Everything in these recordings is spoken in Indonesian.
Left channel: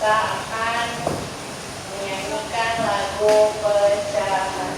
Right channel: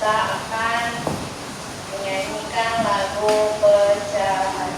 kita akan menyanyikan lagu pecahan.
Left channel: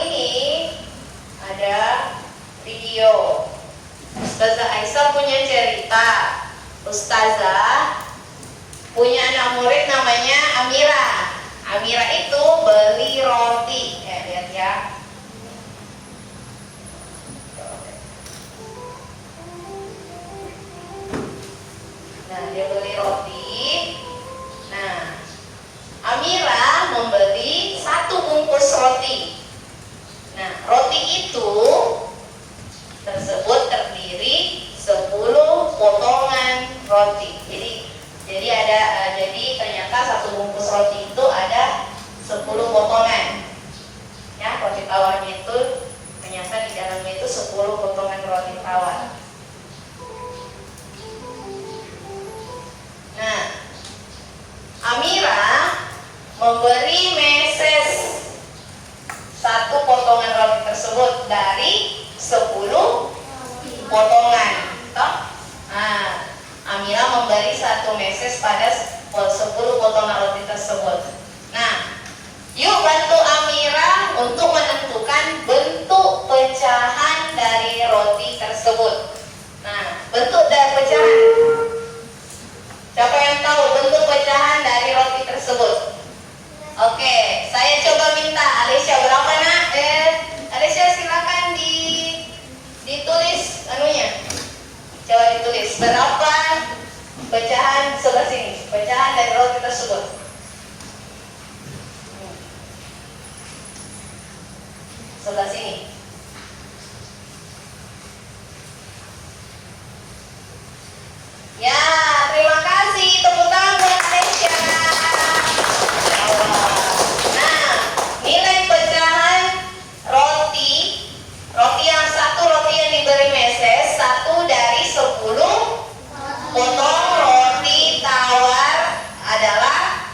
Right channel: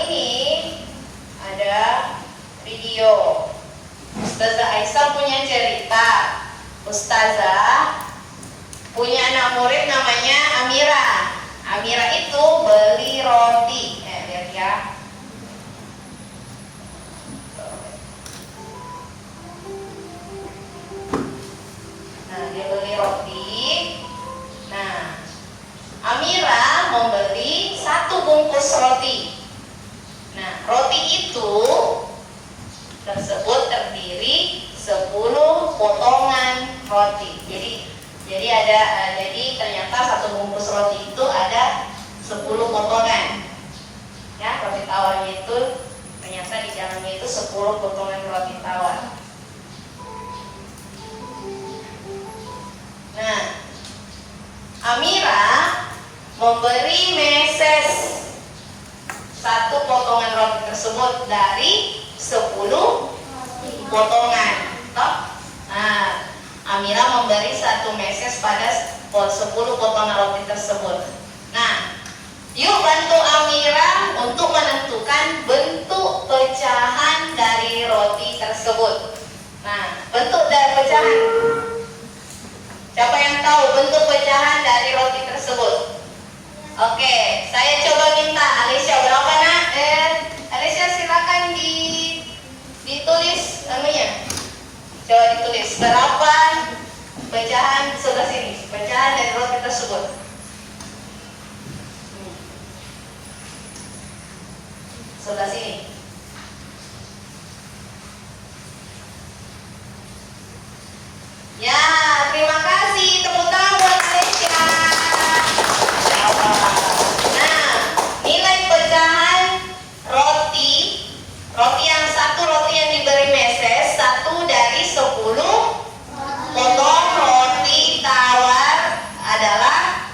Ini ada video. Ustazah Aisyah punya cerita. Ustazah punya anak murid namanya Amira. Amira itu beli roti. Lihat ya. Nah, dia beli roti. Nah, Amira membeli 1 bungkus roti. Nah, roti itu tersebut terdiri 10 potongan roti. Jadi ternyata 1 bungkus roti itu ada 10 potongan. Ya, roti tawarnya itu ternyata di dalamnya itu 10 potongan roti tawar. Nah, Amira memberi meses 1 potongan roti tersebut dari 10 potongan. Nah, Amira memberi 1 meses pada 10 potongan roti tersebut. Nah, yuk bantu Amira untuk menentukan menentukan bentuk pecahan dari roti tersebut. Nah, bentuk dari pecahan. Siapa yang tahu bentuk pecahan dari roti tersebut? Oke, saya coba minta Alicia berapa nak? Alicia silakan ditulis anunya. Coba ditulis berapa pecahan sebelah sini, pecahan dari roti tersebut. Sebelah sini. Ya, terima kasih. Tepuk tangan buat Aisyah. Nah, nilai pecahan roti yang satu, roti yang diberi meses, 1 dari 10 potong roti tawar adalah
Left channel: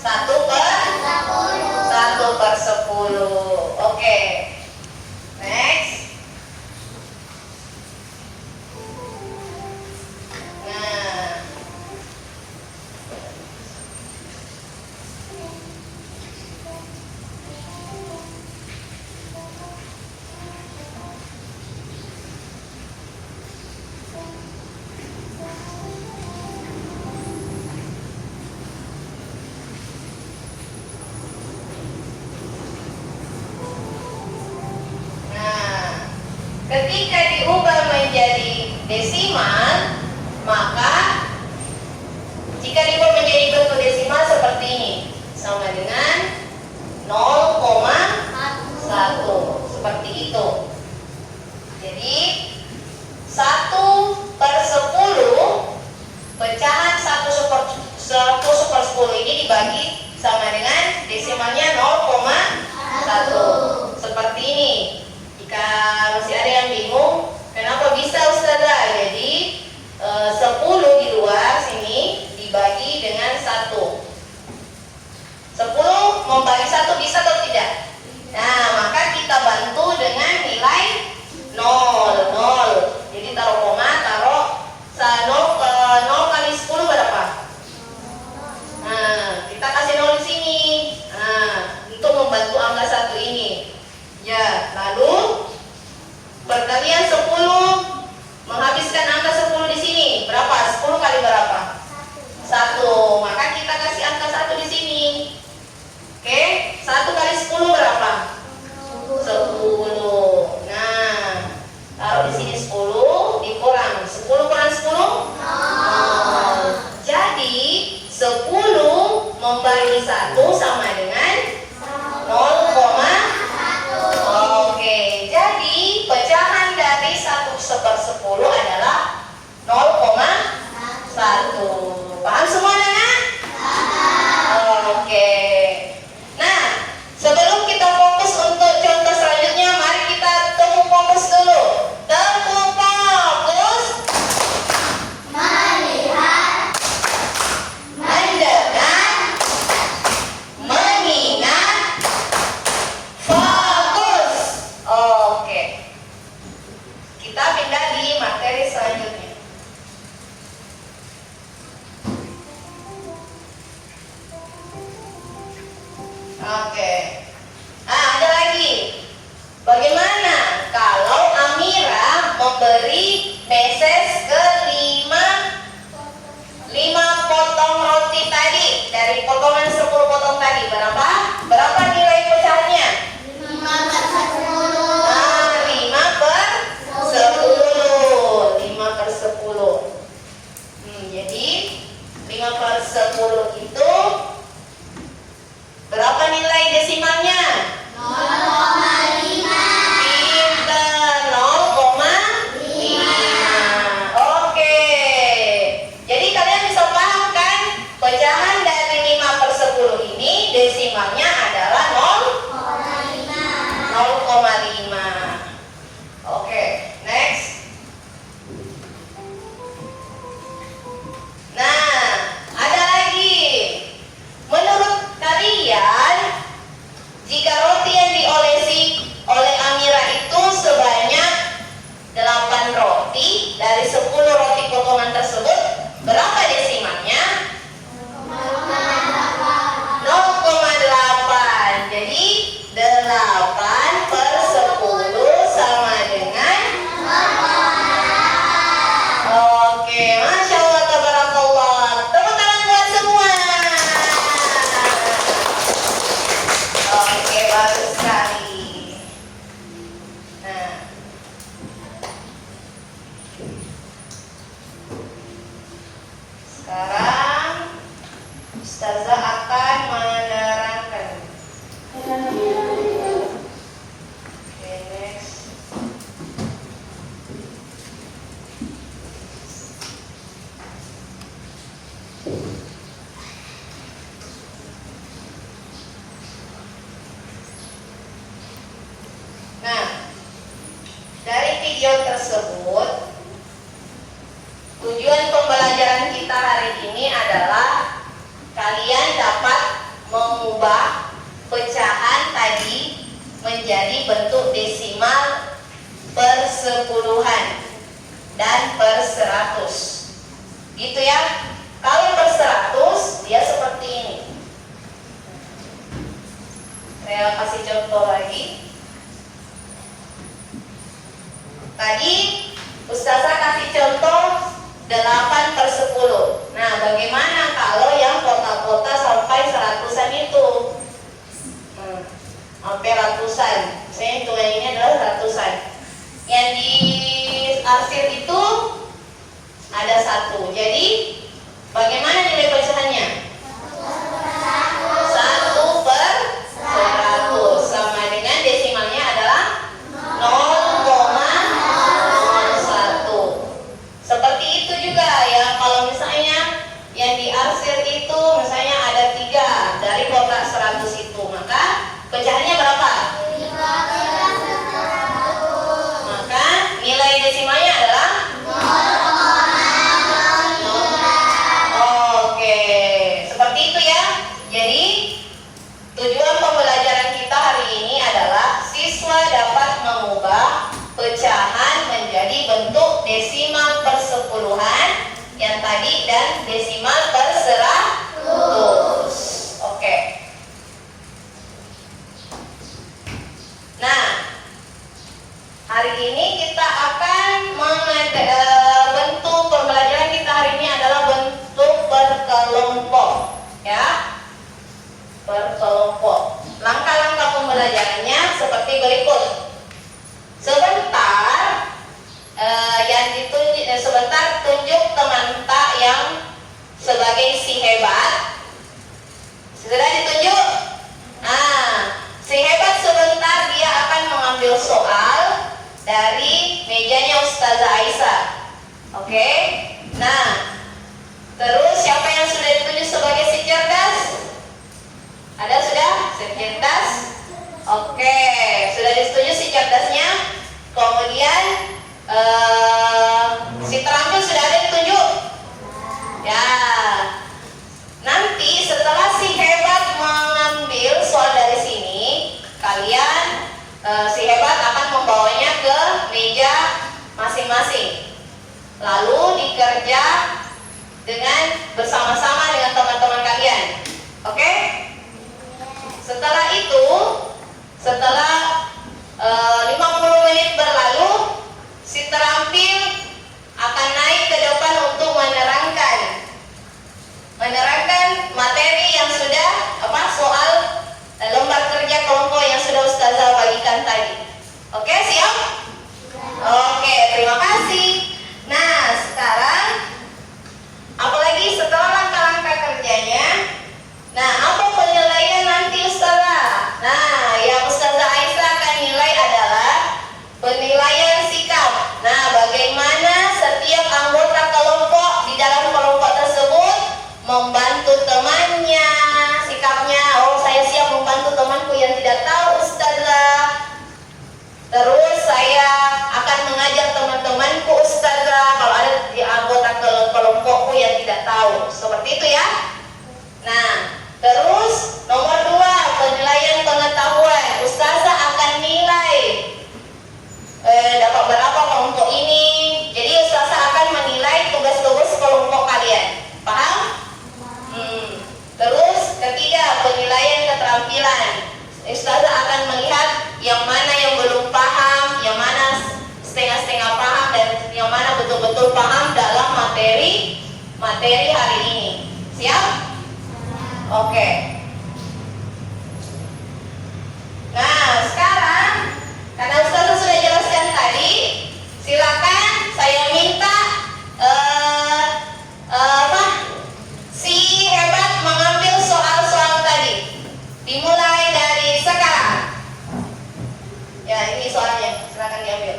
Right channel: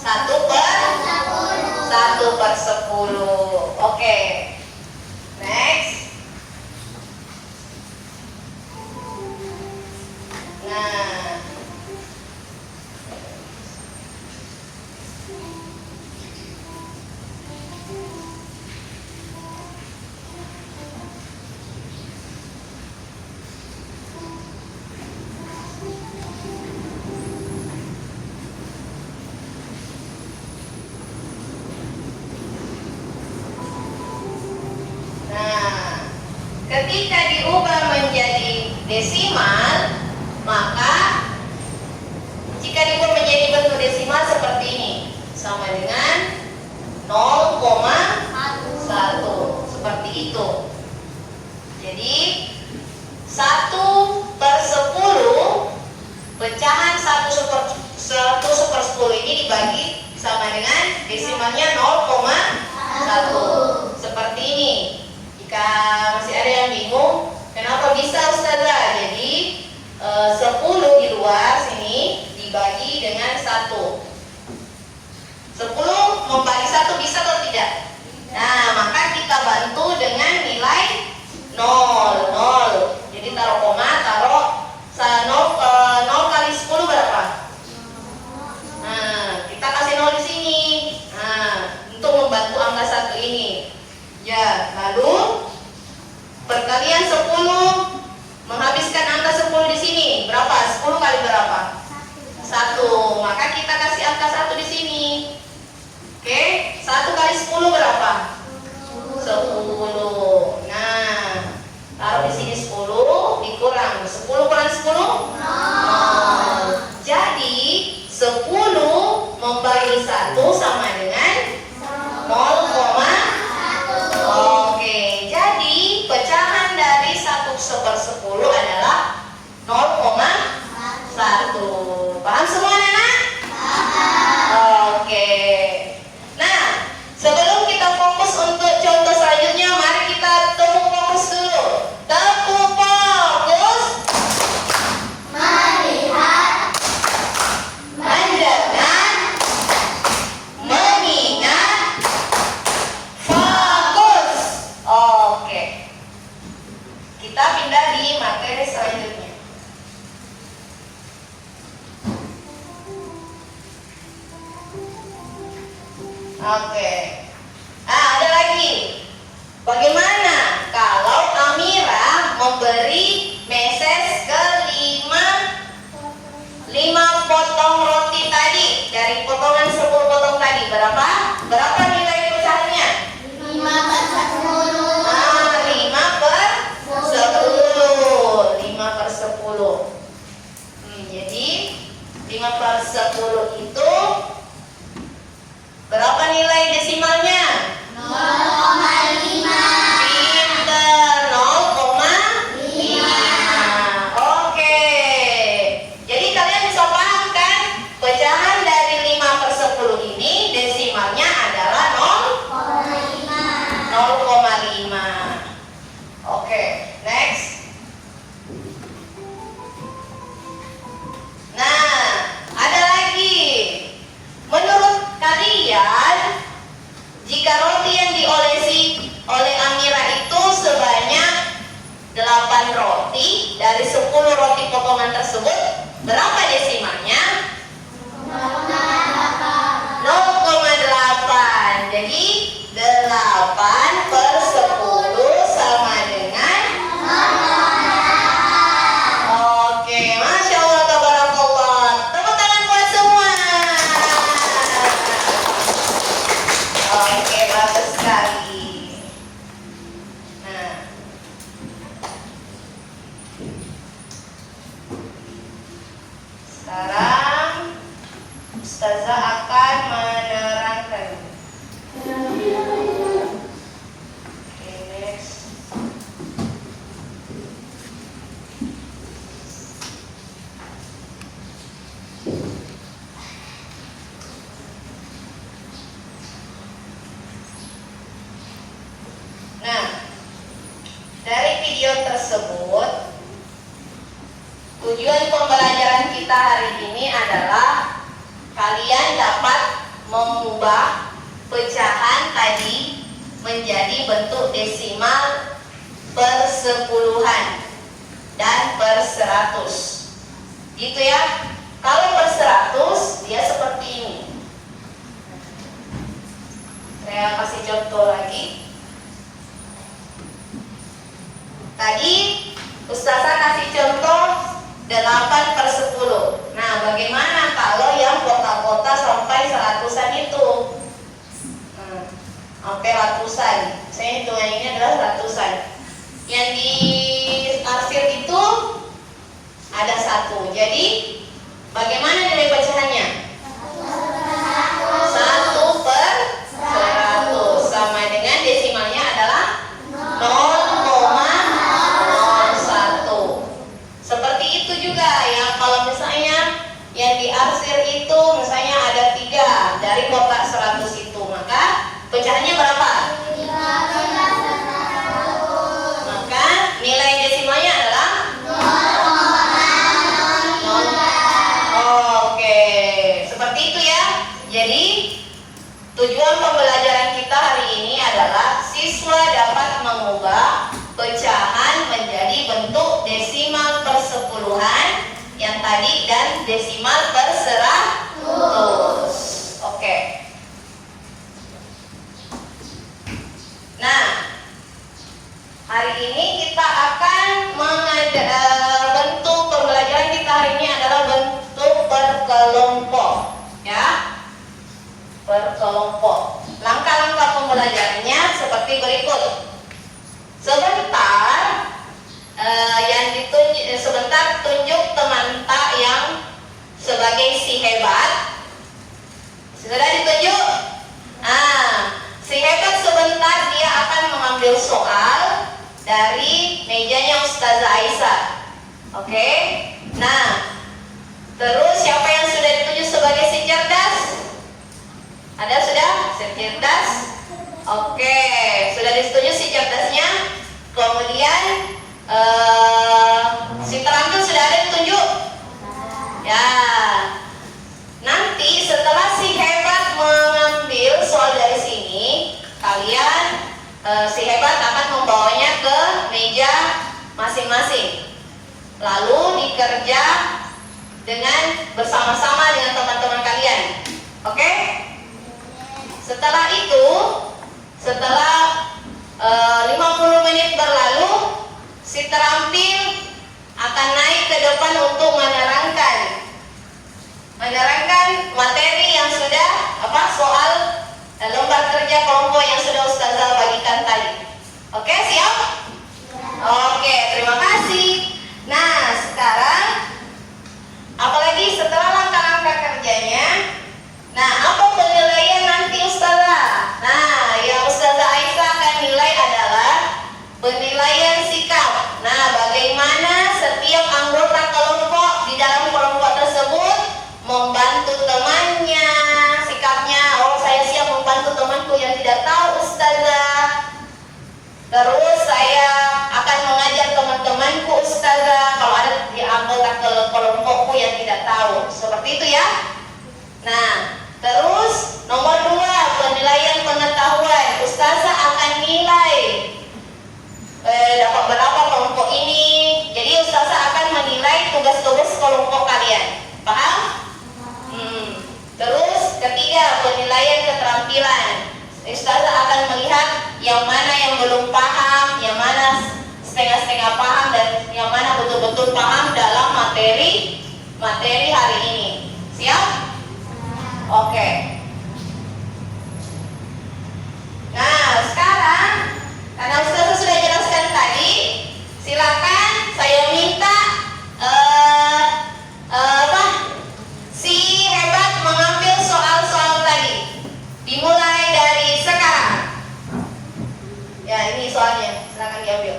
1/10. Oke. Next. Nah, ketika diubah menjadi desimal, maka jika dibuat menjadi bentuk desimal seperti ini, sama dengan 0,1, seperti itu. Jadi 1/10, pecahan 1/10 ini dibagi sama dengan desimalnya 0,1, seperti ini. Jika masih ada yang bingung, kenapa bisa Ustazah? Jadi 10 di luar sini dibagi dengan 1. 10 membagi 1 bisa atau tidak? Nah, maka kita bantu dengan nilai 0. Jadi taruh koma, taruh 0 kali 10 berapa? Nah, kita kasih 0 di sini. Nah, untuk membantu angka 1 ini. Ya, lalu perkalian 10 menghabiskan angka 10 di sini. Berapa? 10 kali berapa? 1. Maka kita kasih angka 1 di sini. Oke, 1 kali 10 berapa? 10. Nah, taruh di sini 10, dikurang 10 kurang 10? 0. Jadi 10 membagi 1 sama dengan 0,1. Oke, jadi pecahan dari 1/10 adalah 0,1. Paham semua anak? Oke. Nah, sebelum kita fokus untuk contoh selanjutnya, mari kita tepuk fokus dulu. Tepuk fokus. Melihat, mendengar, mengingat, fokus. Oke. Kita pindah di materi selanjutnya. Oke. Nah, ada lagi. Bagaimana kalau Amira memberi meses ke 5 potong roti tadi dari potongan 10 potong tadi? Berapa? Berapa nilai pecahannya? 5/10. Nah, 5/10. 5/10. Jadi 5/10 itu berapa nilai desimalnya? 0,5. Pinter, 0,5. Oke. Jadi kalian bisa paham kan? Pecahan dari 5/10 ini desimalnya adalah 0,5. Oke, next. Nah, ada lagi. Menurut kalian, jika roti yang diolesi oleh Amira itu sebanyak 8 roti, dari 10 roti potongan tersebut, berapa desimalnya? 0,8. Jadi 8/10. Sekarang Ustazah akan menerangkan. Oke, next. Nah, dari video tersebut, tujuan pembelajaran kita hari ini adalah kalian dapat mengubah pecahan tadi menjadi bentuk desimal per sepuluhan dan per 100. Gitu ya. Kalau per 100 dia seperti ini. Saya kasih contoh lagi. Tadi Ustazah kasih contoh 8 per 10. Nah, bagaimana kalau yang kota-kota sampai 100-an itu? Sampai ratusan. Saya hitungannya adalah ratusan. Yang di arsir itu ada 1. Jadi, bagaimana nilai pecahannya? 1 per 100. Sama dengan desimalnya adalah 0,01. Seperti itu juga ya, kalau misalnya yang diarsir itu misalnya ada 3 dari kotak 100 itu, maka pecahannya berapa? 15. Maka nilai desimalnya adalah 0. Oke, seperti itu ya. Jadi tujuan pembelajaran kita hari ini adalah siswa dapat mengubah pecahan menjadi bentuk desimal per sepuluhan yang tadi dan desimal per 100. Oke. Nah, hari ini kita akan bentuk pembelajaran kita hari ini adalah bentuk berkelompok, ya. Berkelompok. Langkah-langkah pembelajarannya seperti berikut. Sebentar sebentar tunjuk teman tak yang sebagai si hebat. Sudah ditunjuk? Si hebat sebentar dia akan mengambil soal dari mejanya Ustazah Aisyah. Oke? Nah, terus siapa yang sudah ditunjuk sebagai si cerdas? Ada sudah? Si cerdas? Oke, sudah ditunjuk si cerdasnya. Kemudian si terampil sudah ada ditunjuk? Ya. Nanti setelah si hebat mengambil soal dari sini, kalian si hebat akan membawanya ke meja masing-masing. Lalu dikerja dengan bersama-sama dengan teman-teman kalian. Oke? Setelah itu, setelah 50 menit berlalu, si terampil akan naik ke depan untuk menerangkan materi yang sudah soal lembar kerja kelompok yang sudah Ustazah bagikan tadi. Oke, siap? Oke, terima kasih. Nah, sekarang apalagi setelah langkah-langkah kerjanya, nah, apa penilaian nanti Ustazah? Nah, yang Ustazah Aisyah akan nilai adalah penilaian sikap. Nah, bagaimana setiap anggota kelompok di dalam kelompok tersebut membantu temannya, sikapnya. Oh, saya siap membantu temanku yang tidak tahu Ustazah. Terus saya akan mengajar teman-temanku Ustazah kalau ada di anggota kelompokku yang tidak tahu. Seperti itu ya. Nah, terus nomor 2, penilaian pengetahuan. Ustazah akan nilai dapat berapa kelompok ini. Jadi Ustazah akan menilai tugas-tugas kelompok kalian. Paham? Terus ketiga, penilaian keterampilan. Ustazah akan melihat yang mana yang belum paham, yang mana setengah-setengah paham, dan yang mana betul-betul paham dalam materi hari ini. Siap? Oke. Nah, sekarang karena Ustazah sudah jelaskan tadi, silakan saya minta soalnya, silakan diambil.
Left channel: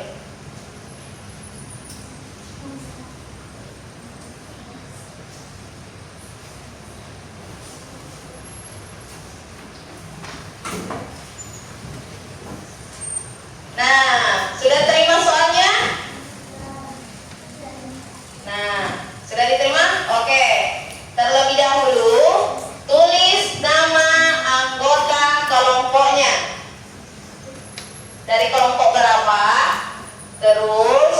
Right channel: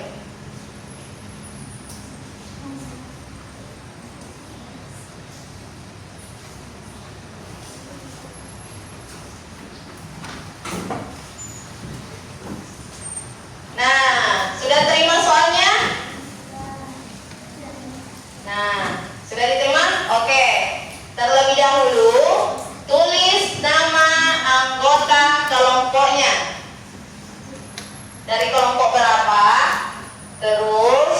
Nah, sudah terima soalnya? Nah, sudah diterima? Oke. Terlebih dahulu, tulis nama anggota kelompoknya. Dari kelompok berapa? Terus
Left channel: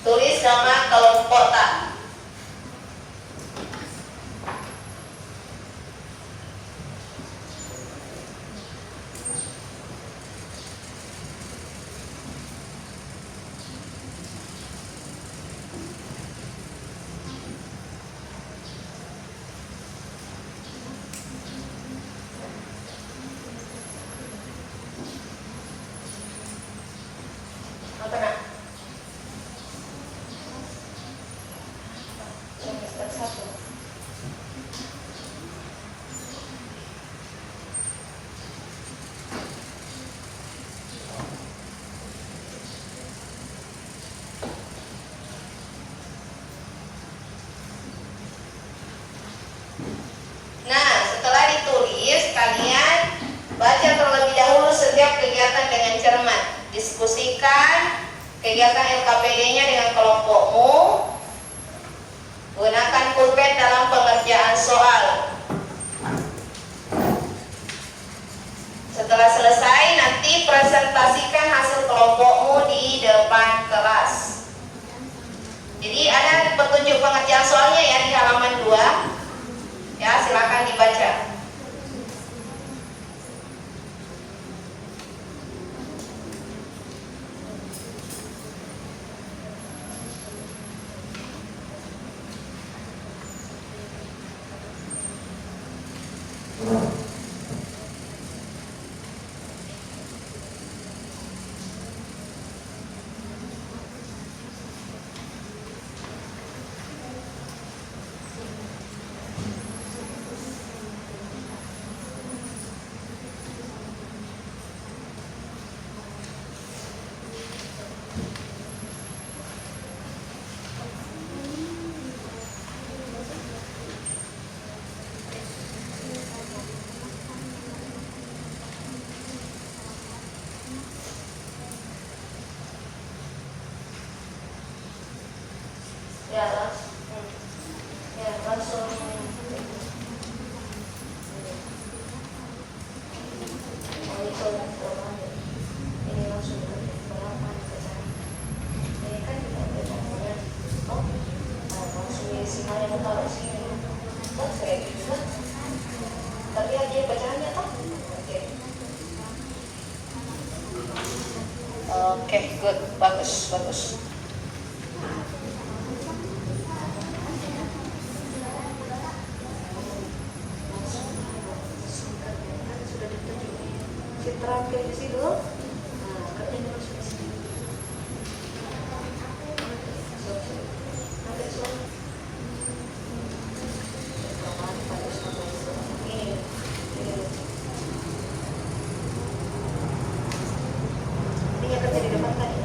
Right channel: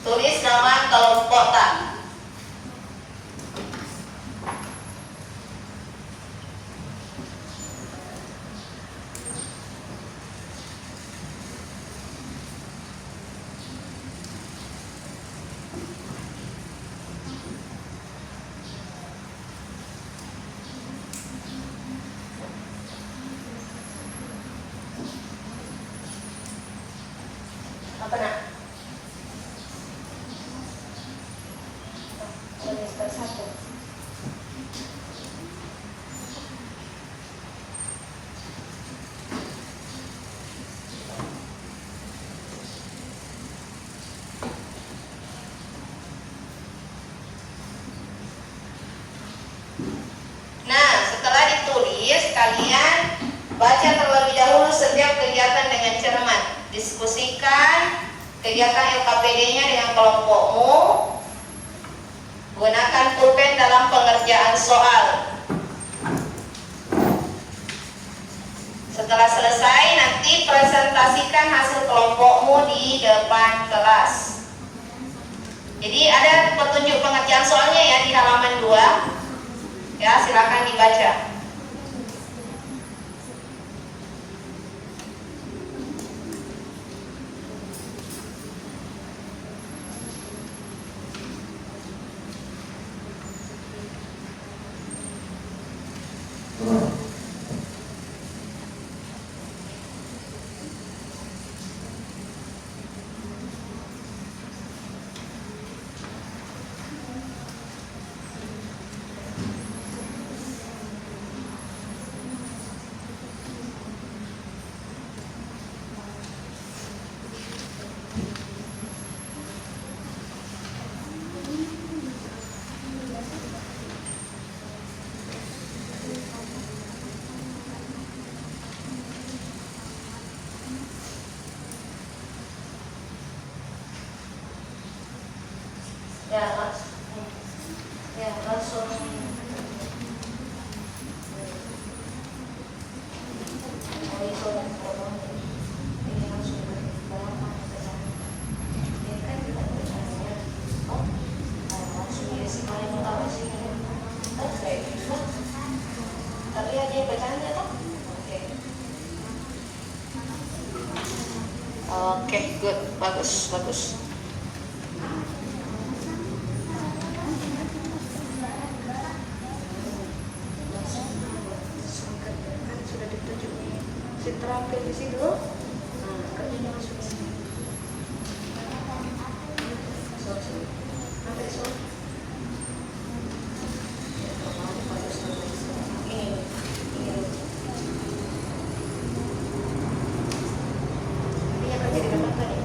tulis nama kelompok tak. Apa nak? Semester 1. Nah, setelah ditulis, kalian baca terlebih dahulu setiap kegiatan dengan cermat. Diskusikan kegiatan LKPD-nya dengan kelompokmu. Gunakan pulpen dalam pengerjaan soal. Setelah selesai, nanti presentasikan hasil kelompokmu di depan kelas. Jadi ada petunjuk pengerjaan soalnya ya di halaman 2. Ya, silakan dibaca. Ya, langsung. Tapi dia bacanya tuh. Oke, good, bagus. Terakhir di sini dulu. Ini apa jadi depan tadi?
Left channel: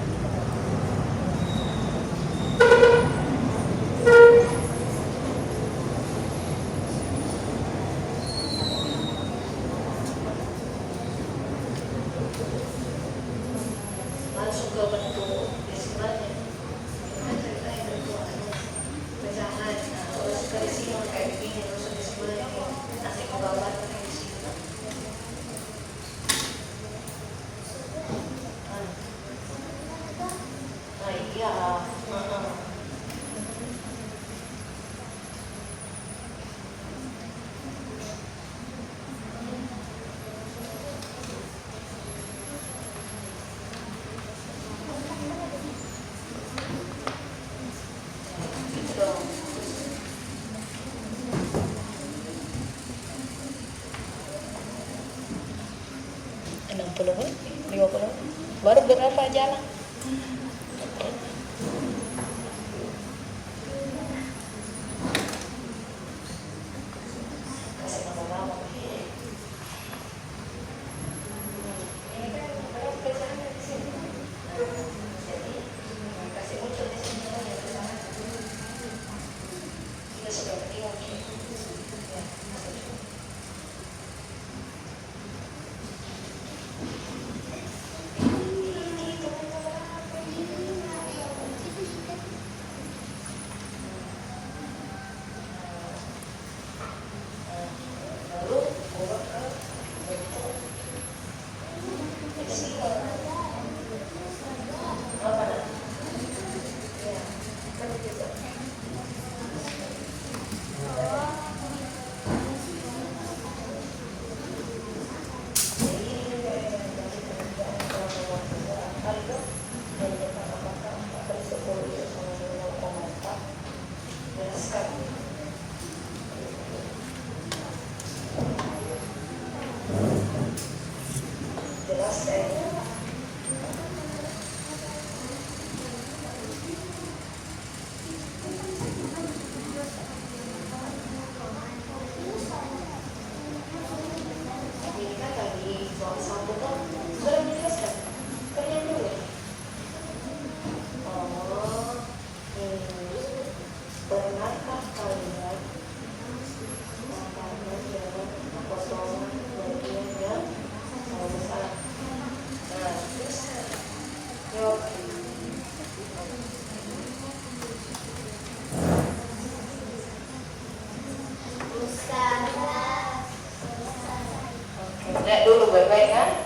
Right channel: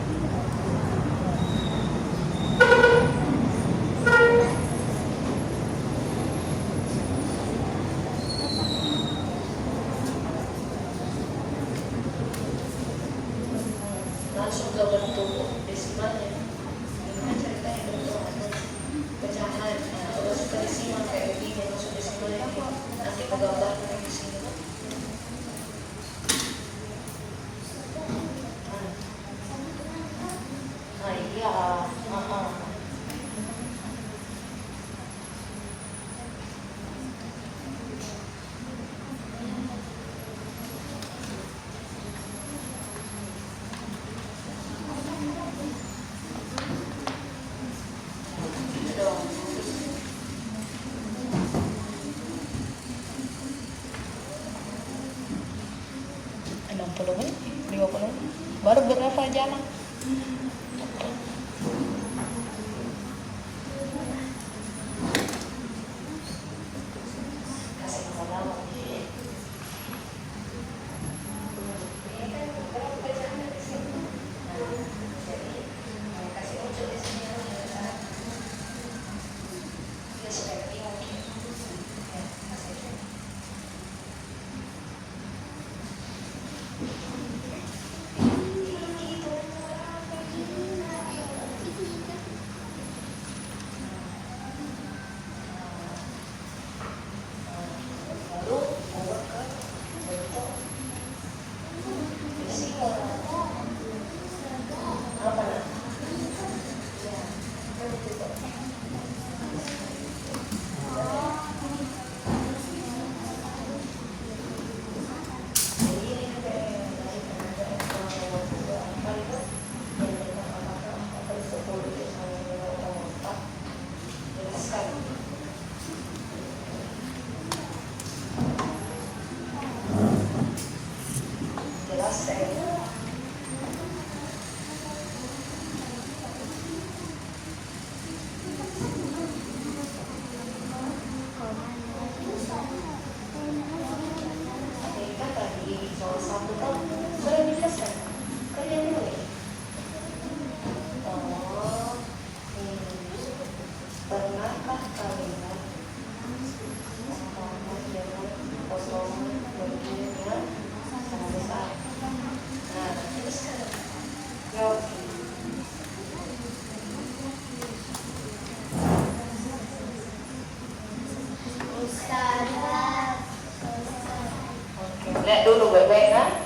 Lihat dulu baik-baik kan?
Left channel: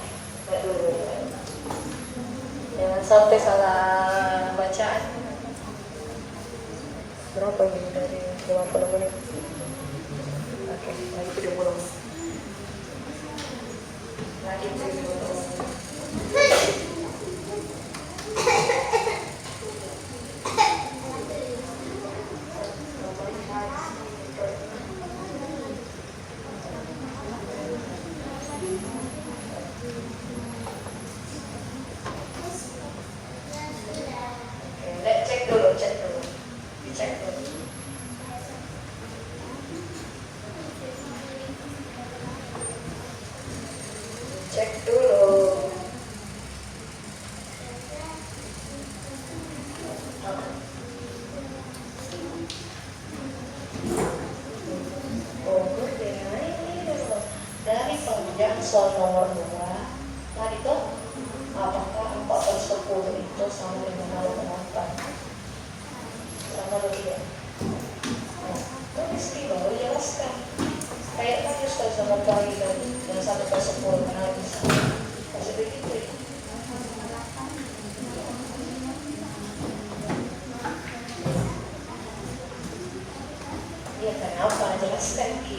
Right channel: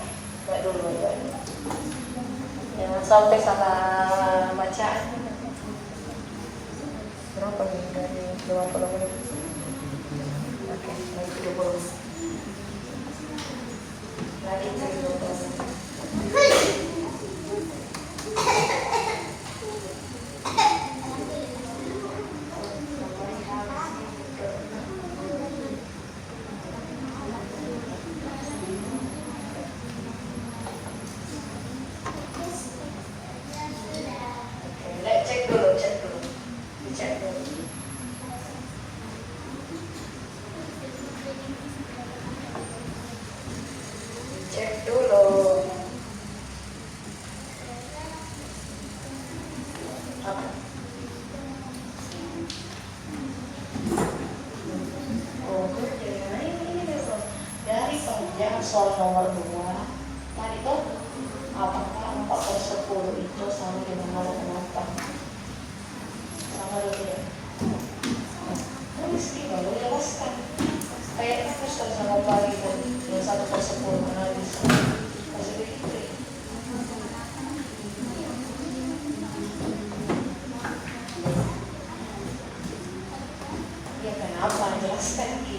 Lihat dulu baik-baik. Jangan sampai salah bacaan. Berapa ini dari berapa menit? Oke, lagi 30. Lagi 30. Cek dulu. Dicek dulu. Cek dulu. Apa? Dari penunjang soal nomor 2, mari tuh apakah 4/10 itu sama dengan 0,8? Sama dulu. Tulis di bawah, jelaskan. Kayak kan Ustaz sama pagi tadi, yang 1/10 karena bisa. Masih begitu ya. Ya kenapa? Jelaskan Ki.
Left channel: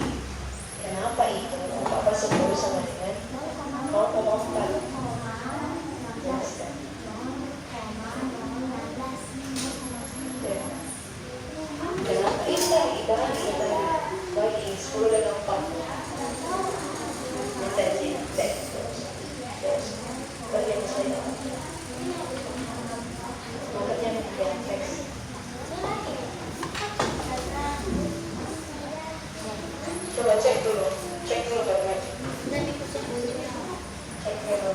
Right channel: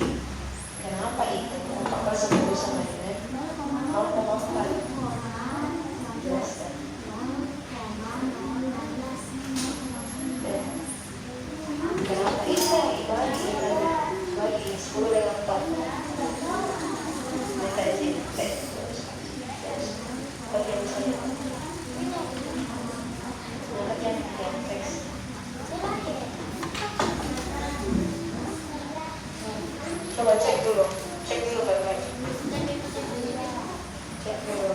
Kenapa itu? 4/10 sama dengan 0,4? Jelaskan. Kenapa bisa? Itu lagi bagi 10 dengan 4. Coba cek dulu baik-baik. Cek dulu.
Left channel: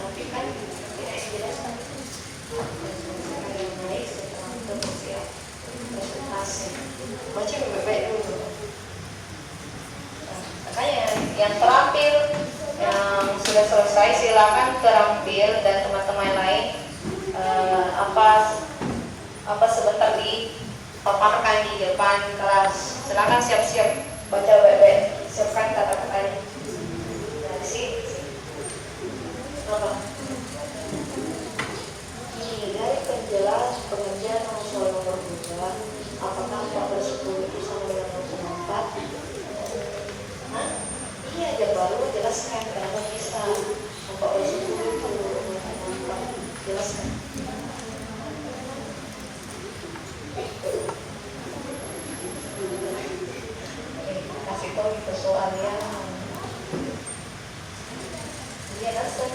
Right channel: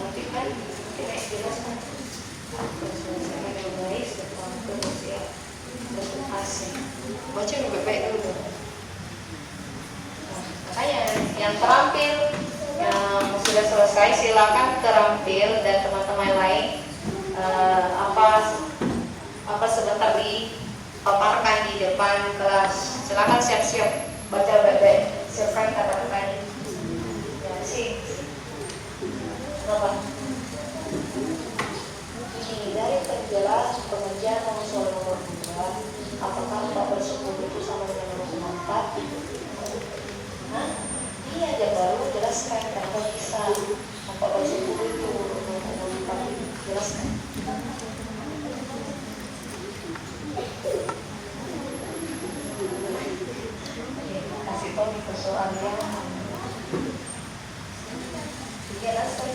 Tapi kan kita jelaskan baca baik-baik dulu. Makanya yang terampil, yang sudah selesai silakan terampil, dan teman-teman lain apa sebentar dipaparkan di depan kelas. Silakan siap-siap baca baik-baik, siapkan kata-katanya. Ini dari penjelas pengajian soal nomor 2, apakah 4/10 itu sama dengan 0,4? Iya, dia baru jelaskan kenapa bisa 4/10 itu 0,4. Jelaskan. Kasih tahu itu soalnya. Iya, langsung.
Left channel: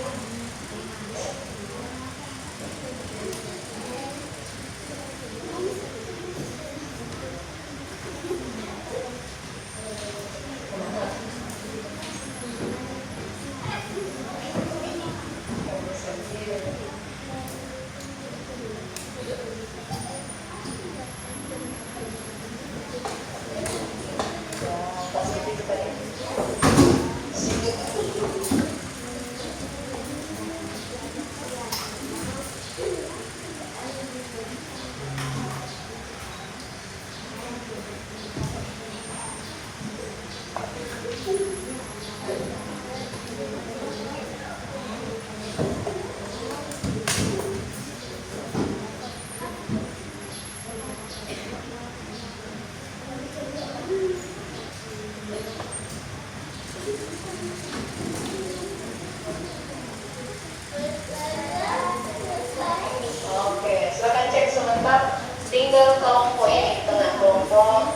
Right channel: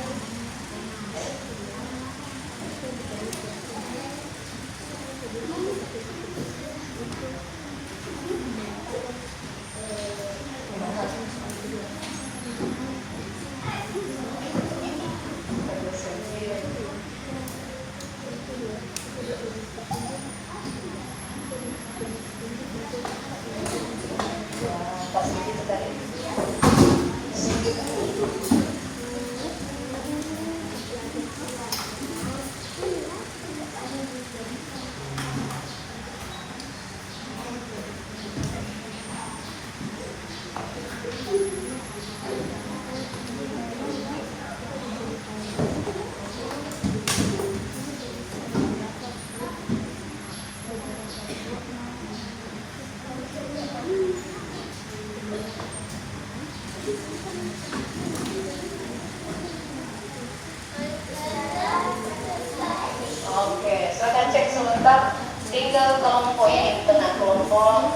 Tinggal kelompok ini, tengah kelompok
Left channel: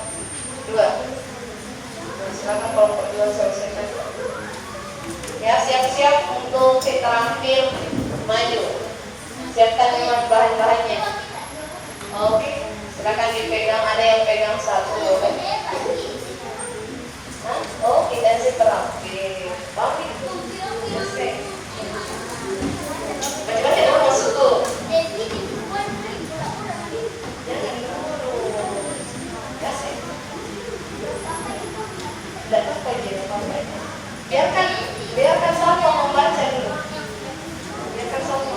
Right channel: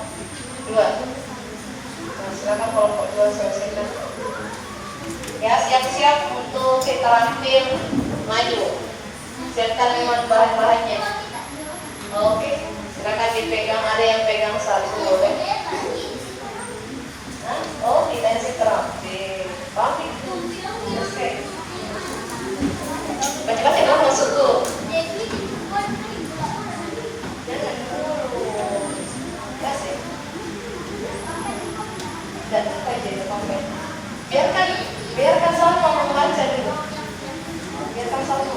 2. Nah, silakan kelompok 2 selesaikan. Ya, siap-siap untuk terampil maju. Siapkan memang bahan-bahannya. Oke, silakan dipegang. Ada yang pegang satu, boleh? Oh, tidak sih terampil. Tapi baca-baca dong masuk tuh. Biarkan Salmo membaca dulu. Biarkan Salmo.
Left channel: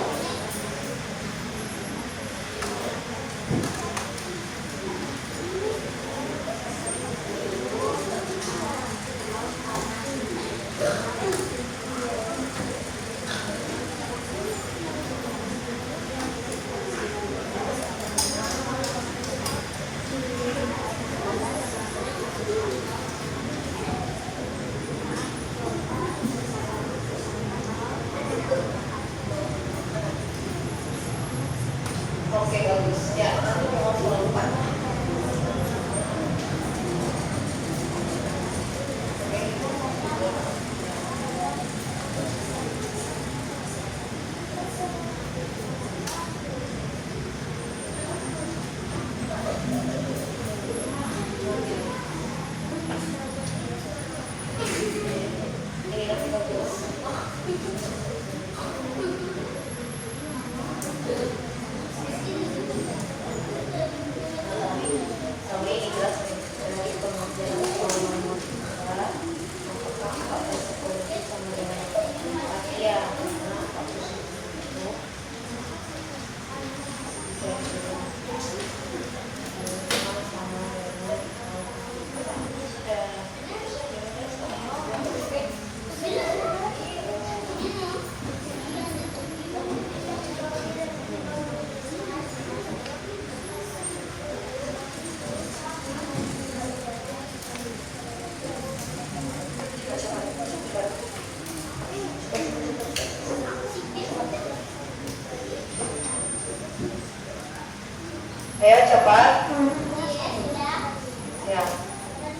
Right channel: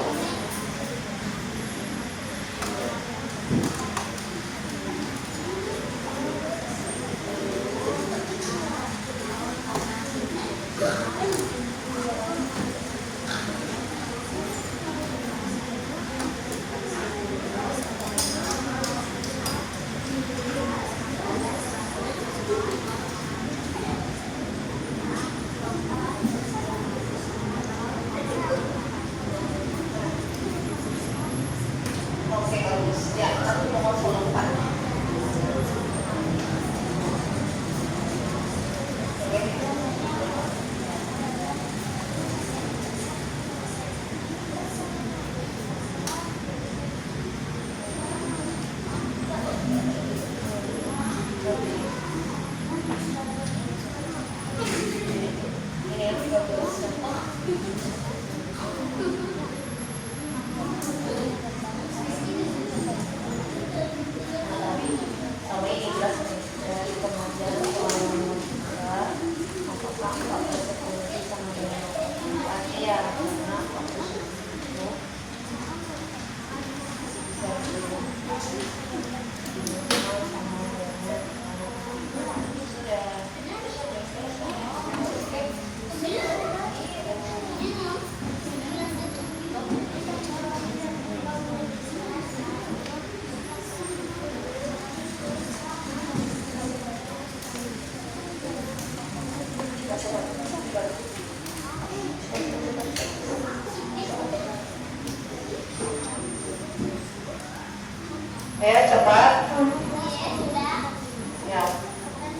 Ayo cepat. Ya.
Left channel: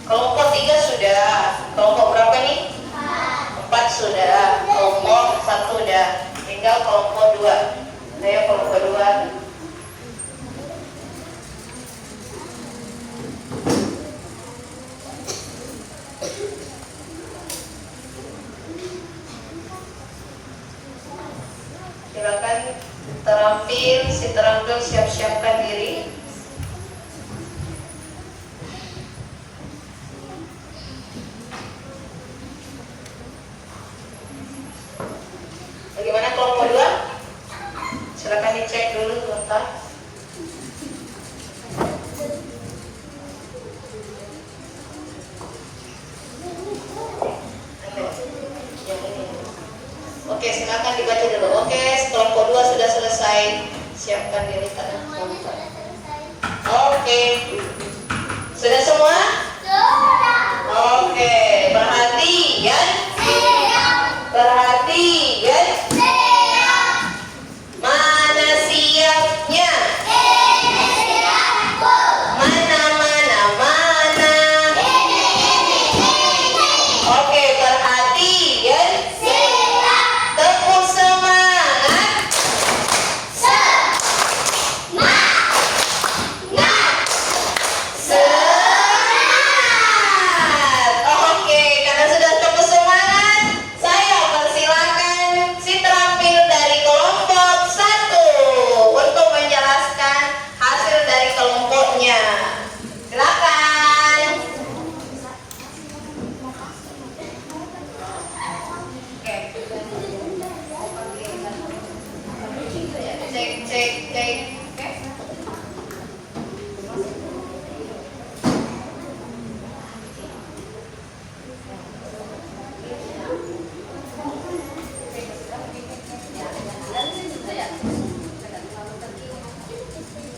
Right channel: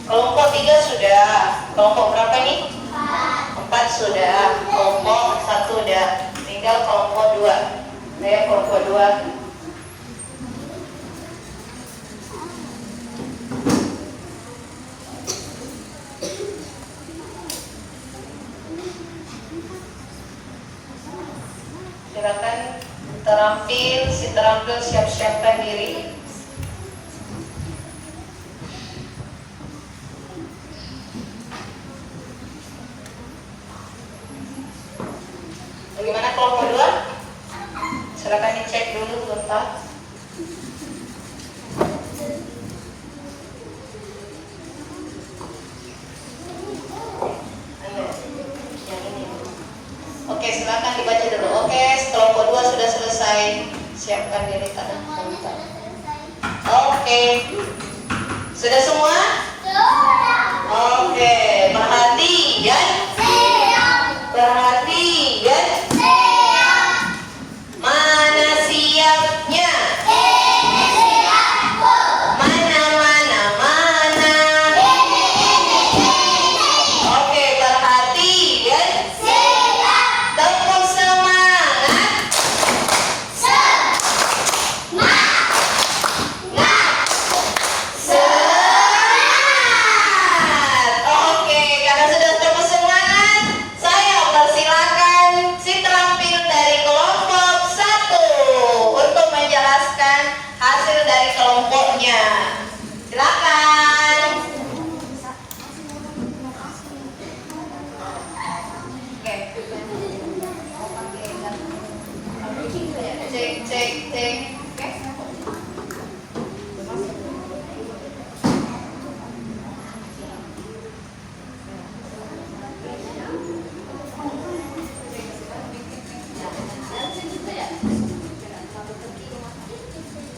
Kelompok 3 sudah. Kelompok berapa nih? 4 sudah. Kelompok 1 udah. Tinggal kelompok 2. Ayo kelompok 2. Silakan terampil, si terampil siap-siapkan diri. Bagaimana kelompok 2? Silakan dicek dulu sebentar. Oke, silakan dibaca dulu. Oke, kelompok 2 sudah selesai. Siapkan diri pada nonton. Oke. Sudah semua? Oke, perhatian. Perhatian. Mana siapnya? Mana, mana, mana? Oke, perhatian. Tepuk semangat. Semangat. Oke, karena sudah tepuk semangat, saya persilakan si terampil dari kelompok 1 untuk menjelaskan hasil dari kelompoknya. Silakan. Oke. Cek, cek, cek. Oke.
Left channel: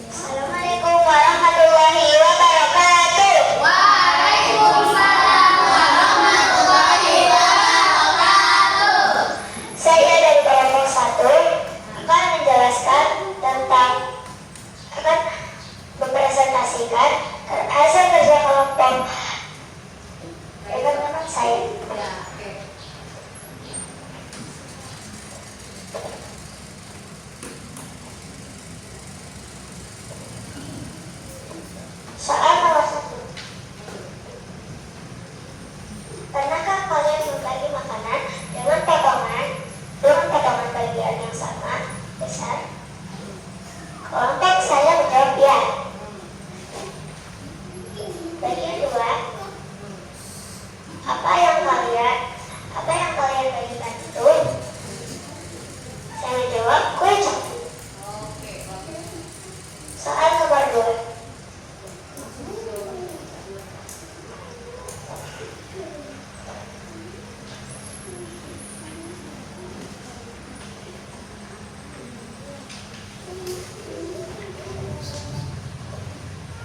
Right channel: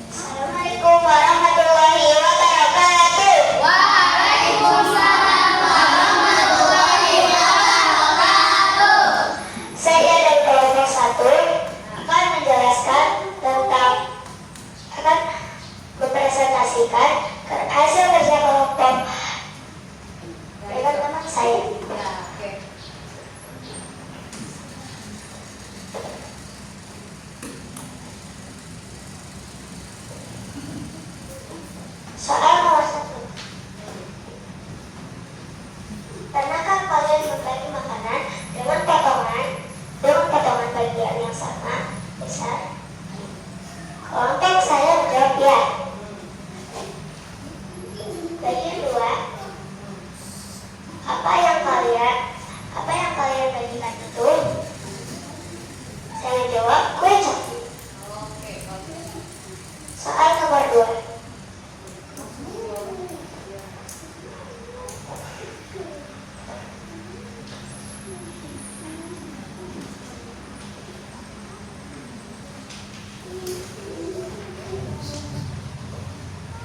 Assalamualaikum warahmatullahi wabarakatuh. Saya dari kelompok 1 akan menjelaskan tentang akan mempresentasikan hasil kerja kelompok teman-teman saya. Soal nomor 1. Pernahkah kalian membagi makanan dengan potongan bagian yang sama besar? Kelompok saya menjawab ya. Bagian 2. Apa yang kalian bagikan itu? Saya menjawab kue coki. Soal nomor 2.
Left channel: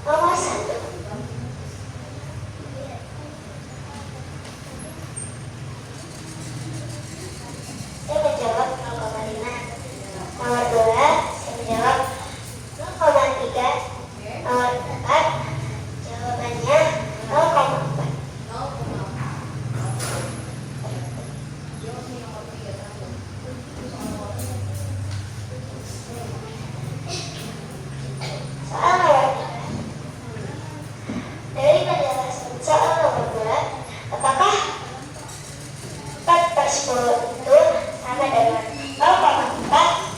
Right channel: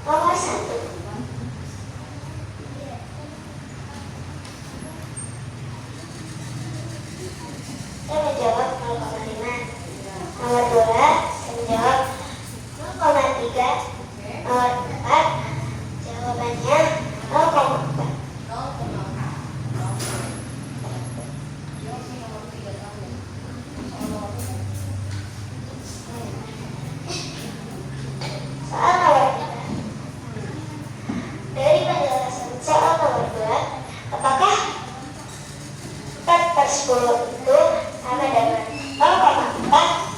Nomor 1. Saya menjawab 0,5. Nomor 2, saya menjawab 0,3. Nomor 4, jawabannya 0,4. Soal nomor 3. Dari penjelasan soal nomor 2, apakah 4/10 itu sama dengan 0,4?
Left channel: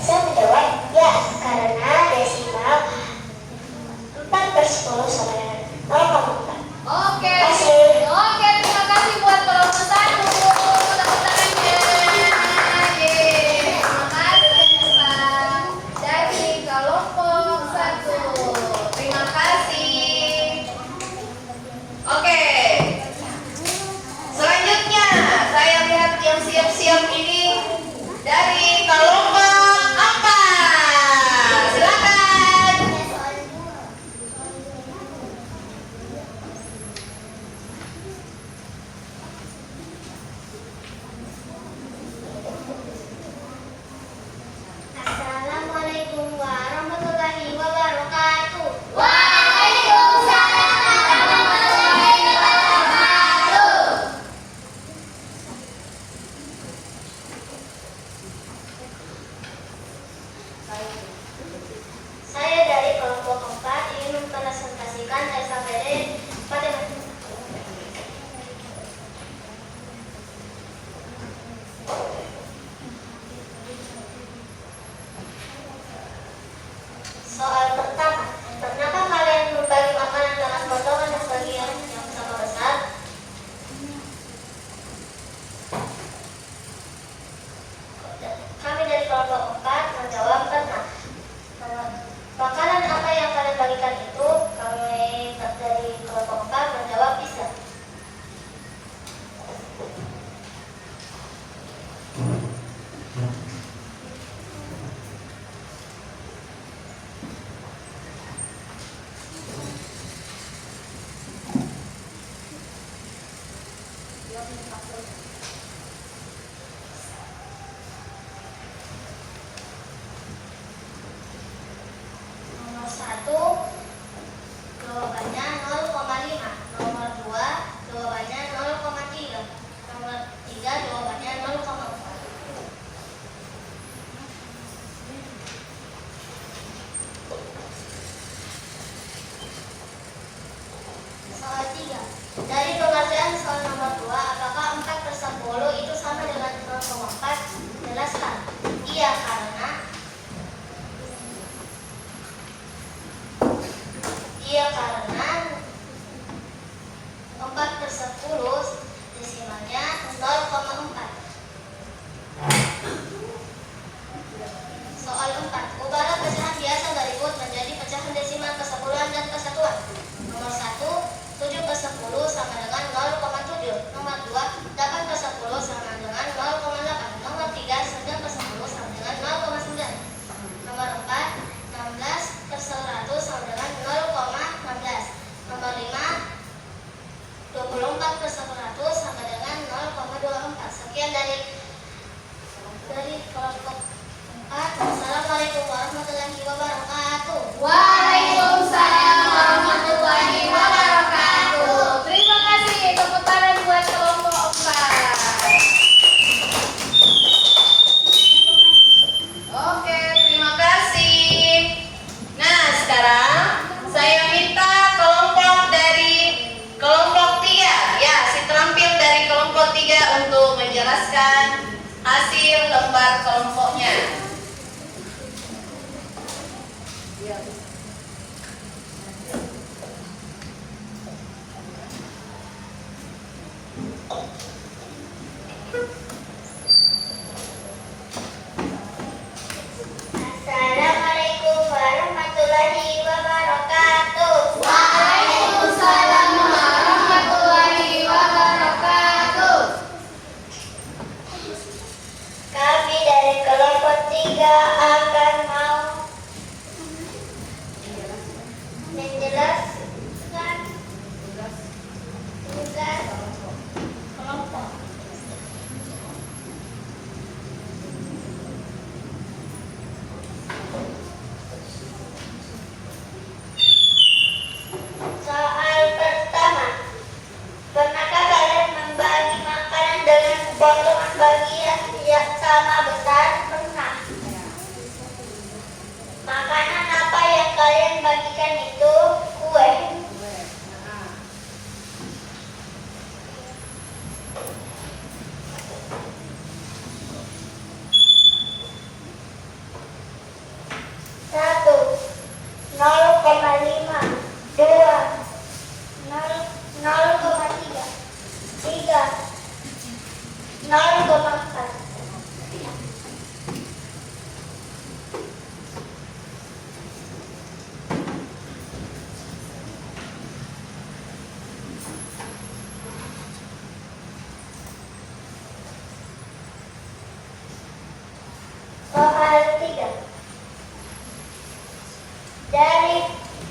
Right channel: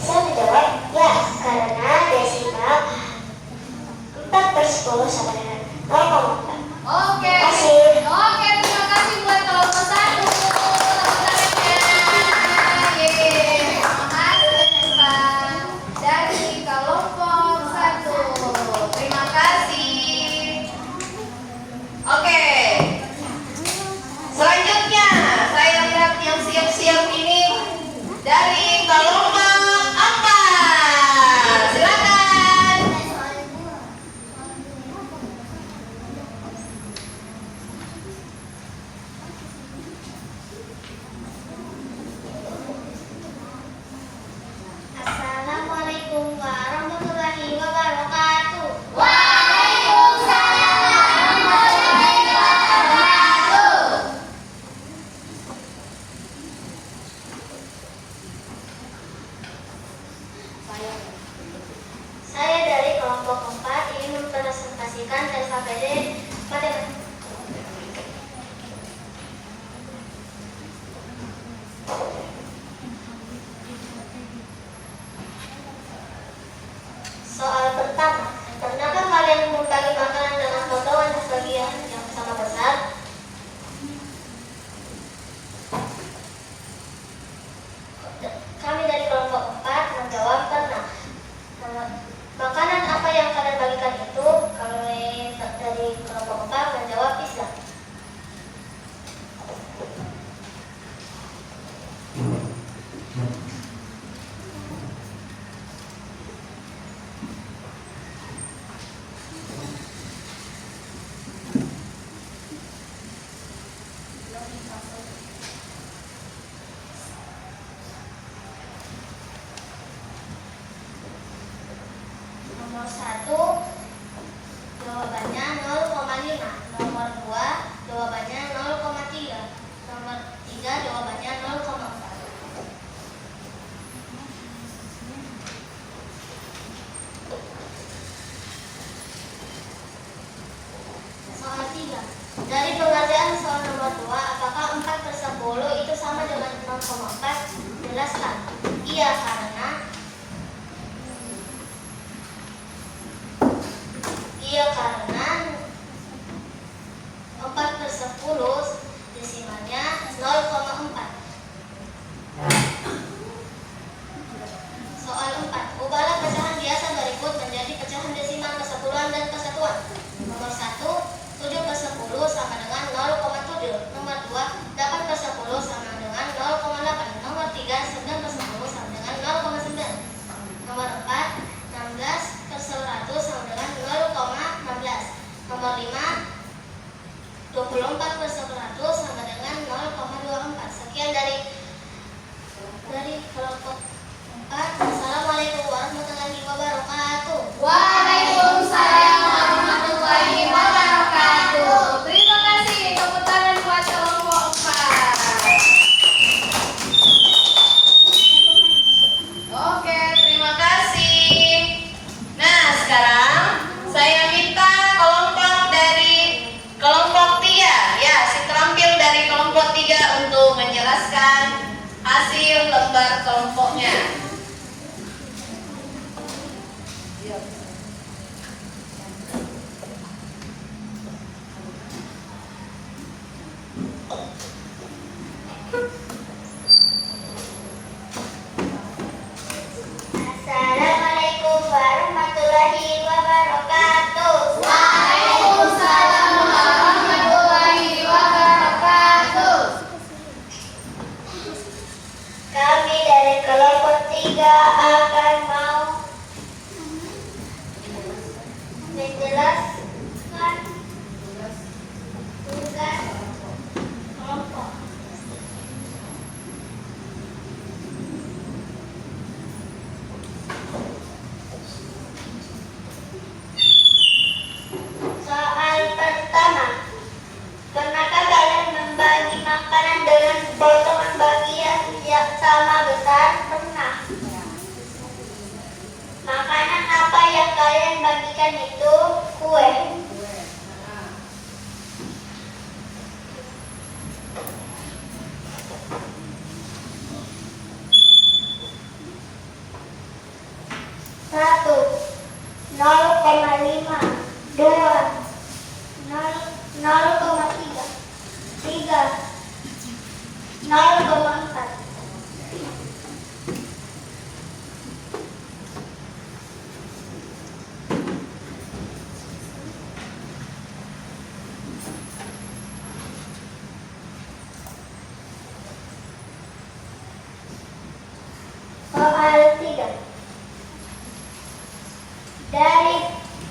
Saya menjawab ya, karena desimal 4/10 sama dengan 0,4. Oke. Terima kasih. Oke, terima kasih buat kelompok 1. Tepuk tangannya. Yeay. Terima kasih dari kelompok 1. Terima kasih. Oke. Selanjutnya, saya lihat yang siap-siap ini Nomor 1 jawabannya 0,5. Nomor 2 jawabannya 0,3. Nomor 3 jawabannya 0,4. Soal 3. Dari pengerjaan soal nomor 2, apakah 4/10 itu sama dengan 0,4? Jelaskan. Iya, karena 4/10 desimalnya 0,4. Soal 4. Ubahlah pecahan biasa berikut menjadi pecahan desimal kesepuluhan dan kesatuan. Nomor 1, 7/10 sama dengan 0,7. Nomor 2, 8/10 sama dengan 0,8. Nomor 3, 9/10 sama dengan 0,9. Nomor 4, 16/100 sama dengan 0,16. Nomor 5, 24/100 sama dengan 0,24. Sekian dari kelompok 4. Assalamualaikum warahmatullahi wabarakatuh. Waalaikumsalam warahmatullahi wabarakatuh. Terima kasih. Tepuk tangan buat kelompok 4. Oke, terima kasih. Nah, sekarang saya minta kelompok 3, ya, si terampil dari kelompok 3 untuk menjelaskan hasil lembar kelompoknya. Assalamualaikum warahmatullahi wabarakatuh. Waalaikumsalam warahmatullahi wabarakatuh. Kami dari kelompok 3 akan mau menjelaskan tugas kelompok. Soal pertama, pernahkah kalian membagi makanan dengan potongan bagian yang sama besar? Pernah. Makanan apa yang kalian bagikan itu? Kue. Satu, 0,5, 2, 0,3, 3, 0,4. Soal 3. Dari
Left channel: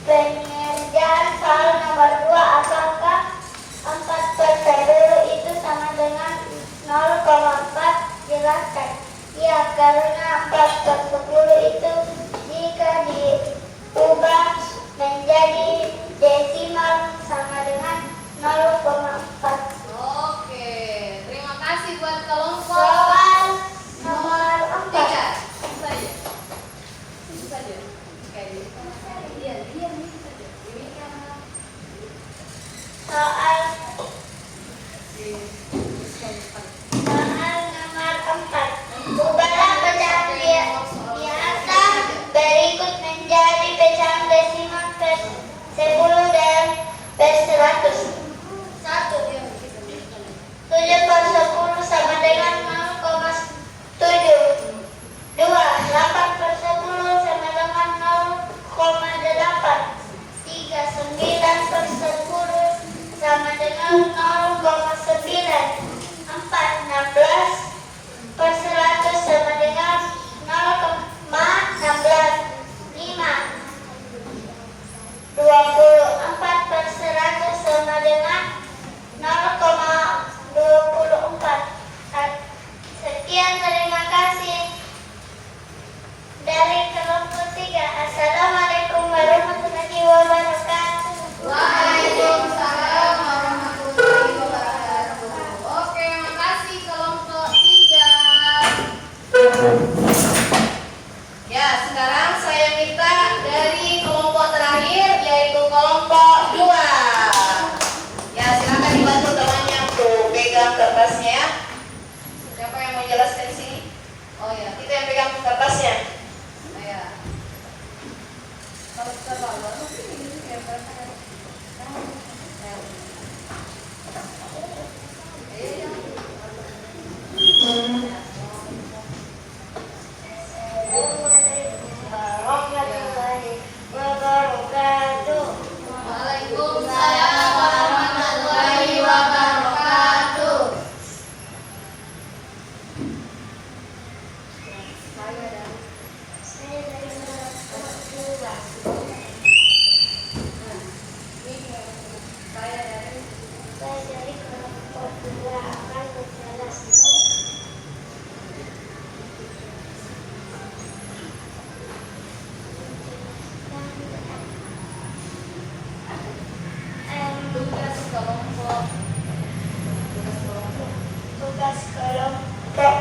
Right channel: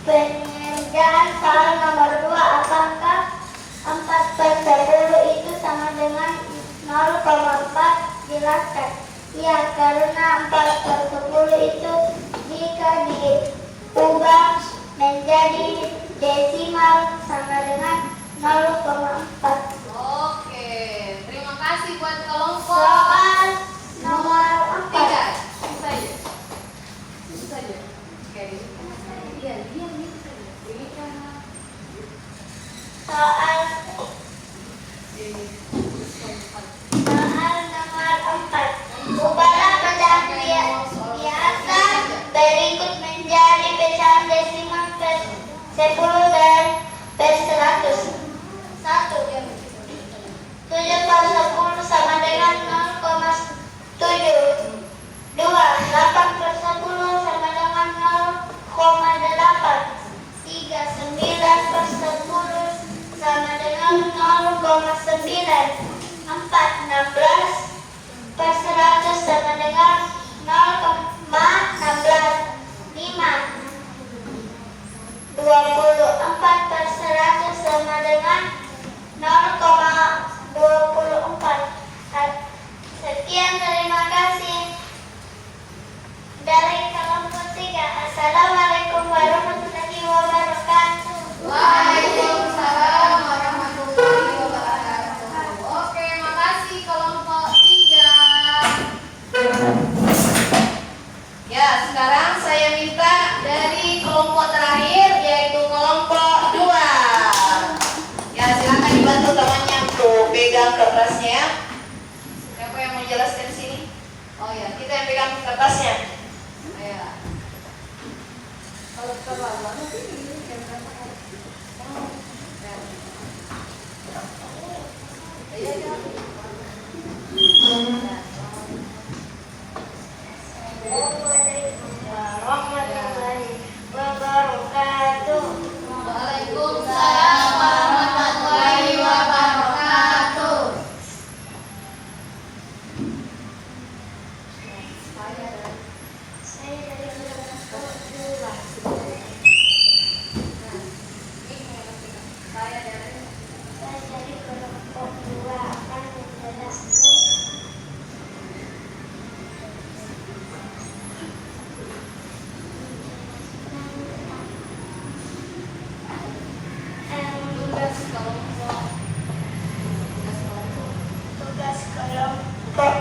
pengerjaan soal nomor 2, apakah 4/10 itu sama dengan 0,4? Jelaskan. Ya, karena 4/10 itu jika diubah menjadi desimal sama dengan 0,4. Oke, terima kasih buat kelompok Soal nomor 4. 3. Itu saja. Itu saja. Kayak gitu. Iya, ini saja. Ini kan. Soal nomor 4. Ubahlah pecahan biasa berikut menjadi pecahan desimal per 10 dan per 100. 1. 7/10 sama dengan 0,7. 2. 8/10 sama dengan 0,8. 3. 9/10 sama dengan 0,9. 4. 16/100 sama dengan 0,16. 5. 24/100 sama dengan 0,20. warahmatullahi wabarakatuh. Waalaikumsalam warahmatullahi wabarakatuh. Saya dari kelompok 2. Saya dari kelompok 2 akan menjelaskan tugas kelompok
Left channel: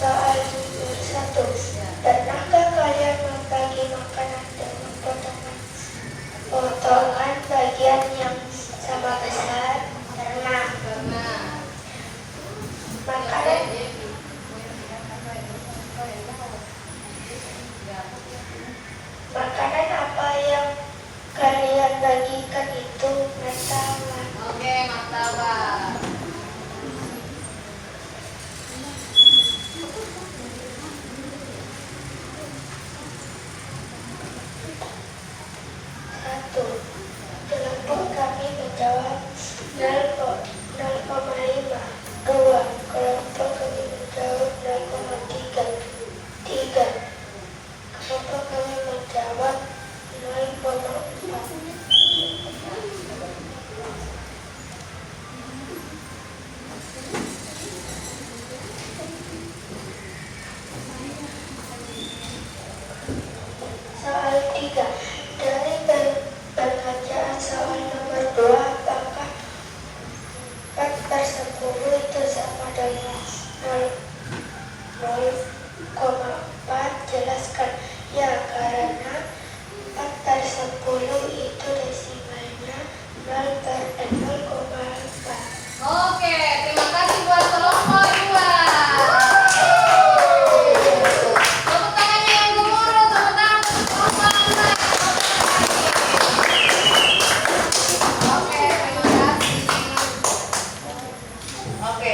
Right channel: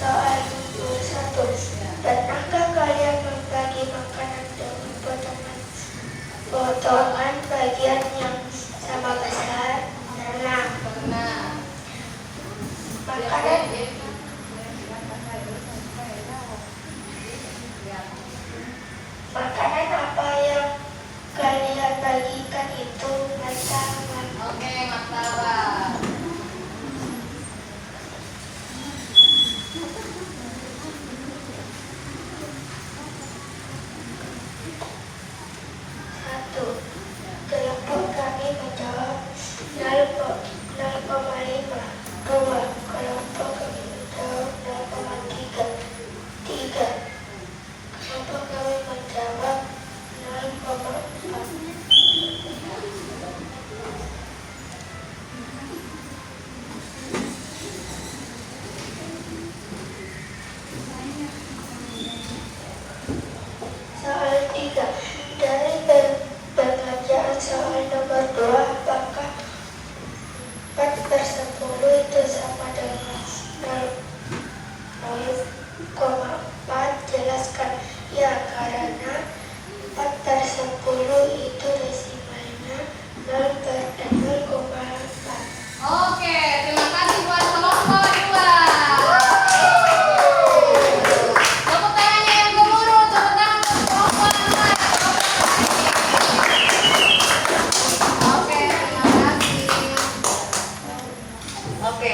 soal 21. Pernahkah kalian membagi makanan dengan potongan bagian yang sama besar? Pernah. Makanan apa yang kalian bagikan itu martabak. Oke, martabak. Satu, kelompok kami menjawab 0,5. 2, kelompok kami menjawab 0,3. 3, kelompok kami menjawab 0,4. Soal 3. Dari pengerjaan soal nomor 2, apakah 4/10 itu sama dengan 0,4? Jelaskan. Ya, karena 4/10 itu desimalnya 0/0,4. Oke, terima kasih buat kelompok 2. Tepuk tangannya yang gemuruh, tepuk tangan untuk kelompok 2. Oke, terima kasih. Oke,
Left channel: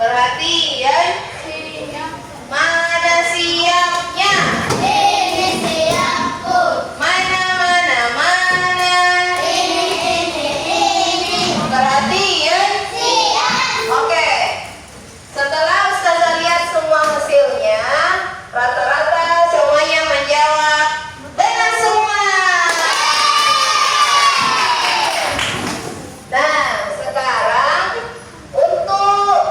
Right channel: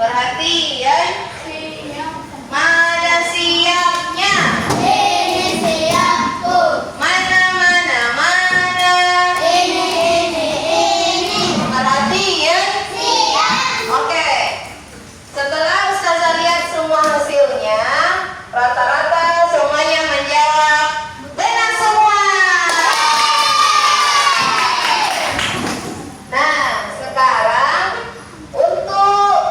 perhatian. Mana siapnya? Ini siapku. Mana, mana, mana? Ini. Perhatian. Siap. Oke, setelah Ustazah lihat semua hasilnya, rata-rata semuanya menjawab benar semua. Nah, sekarang untuk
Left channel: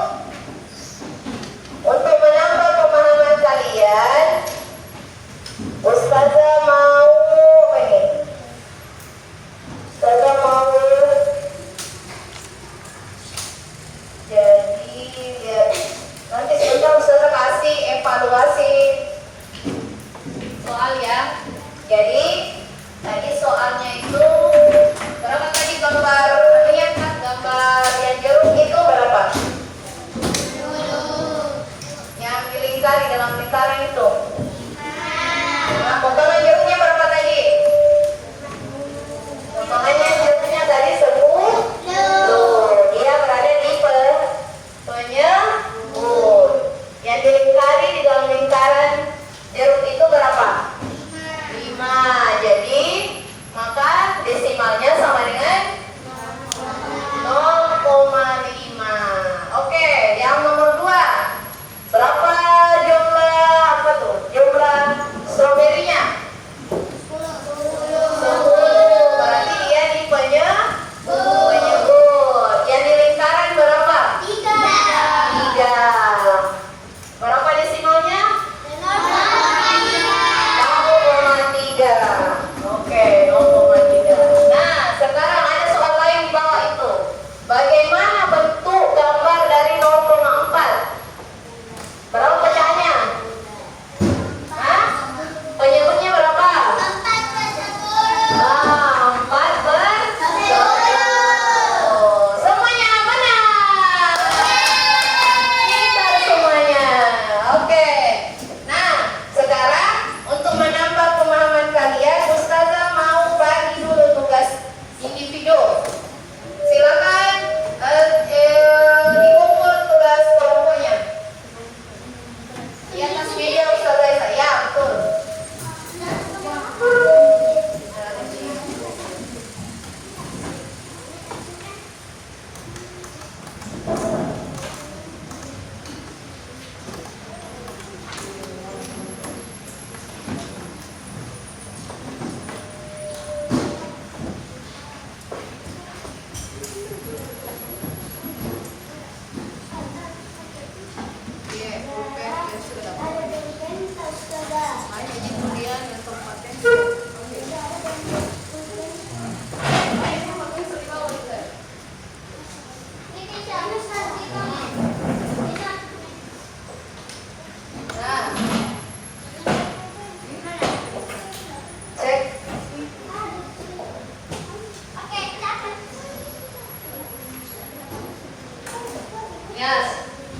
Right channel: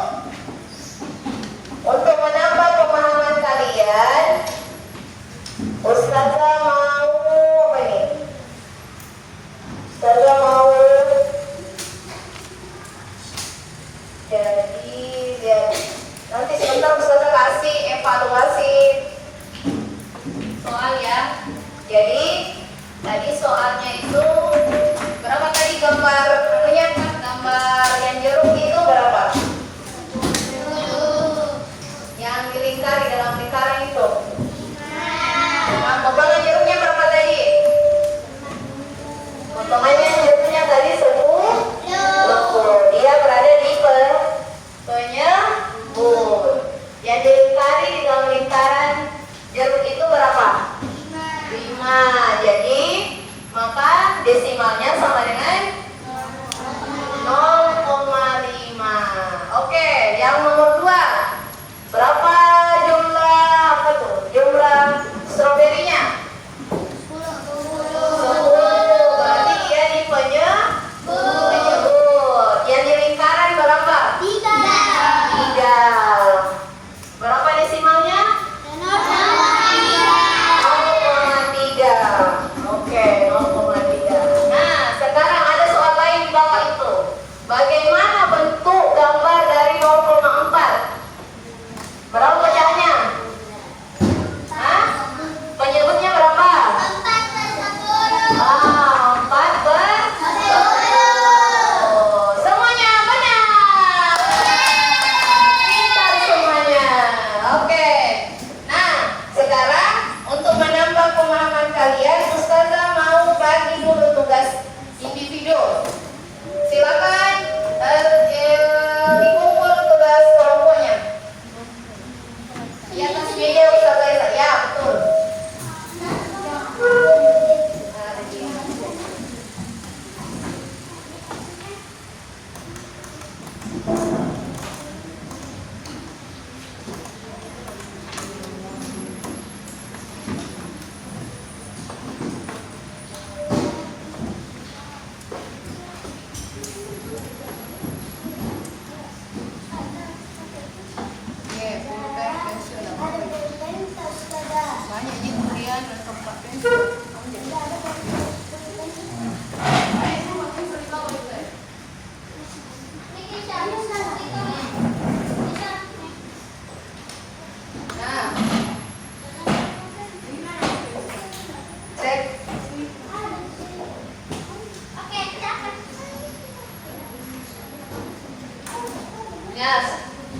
Ya,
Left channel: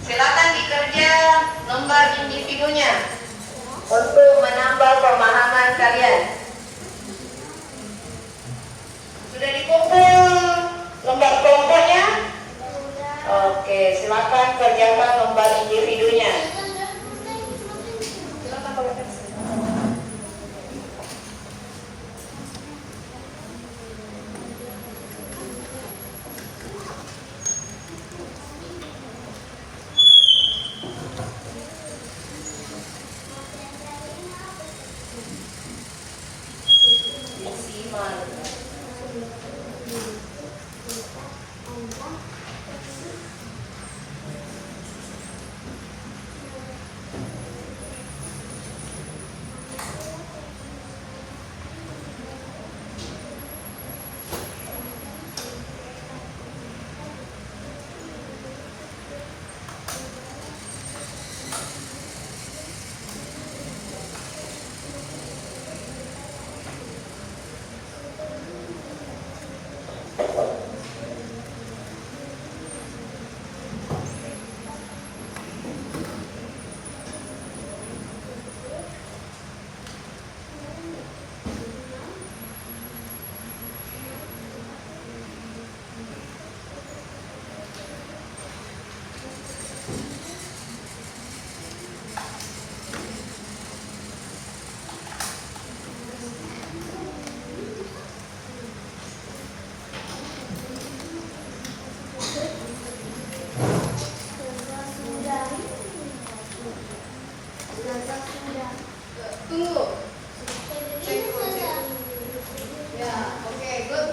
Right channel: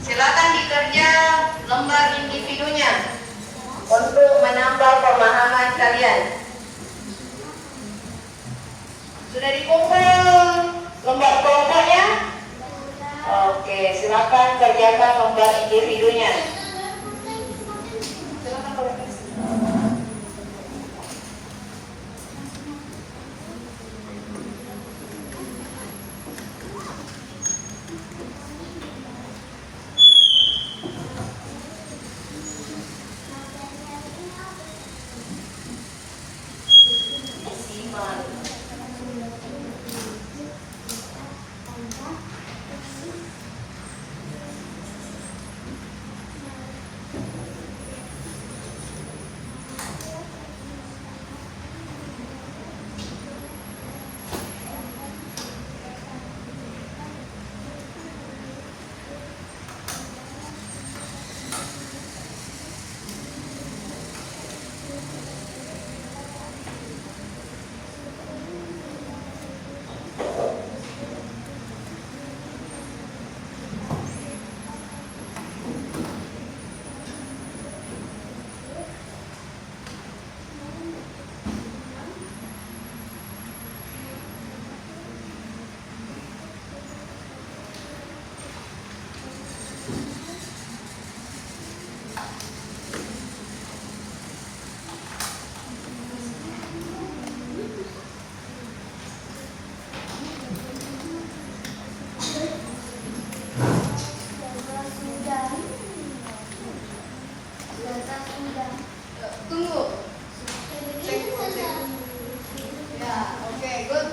silakan dikerja lembar individunya untuk menambah pemahaman kalian. Sudah dikumpul lembar kelompoknya? Oke, silakan kerjakan lembar individunya. Silakan Profesor. Tunggu. Ya, oke, good.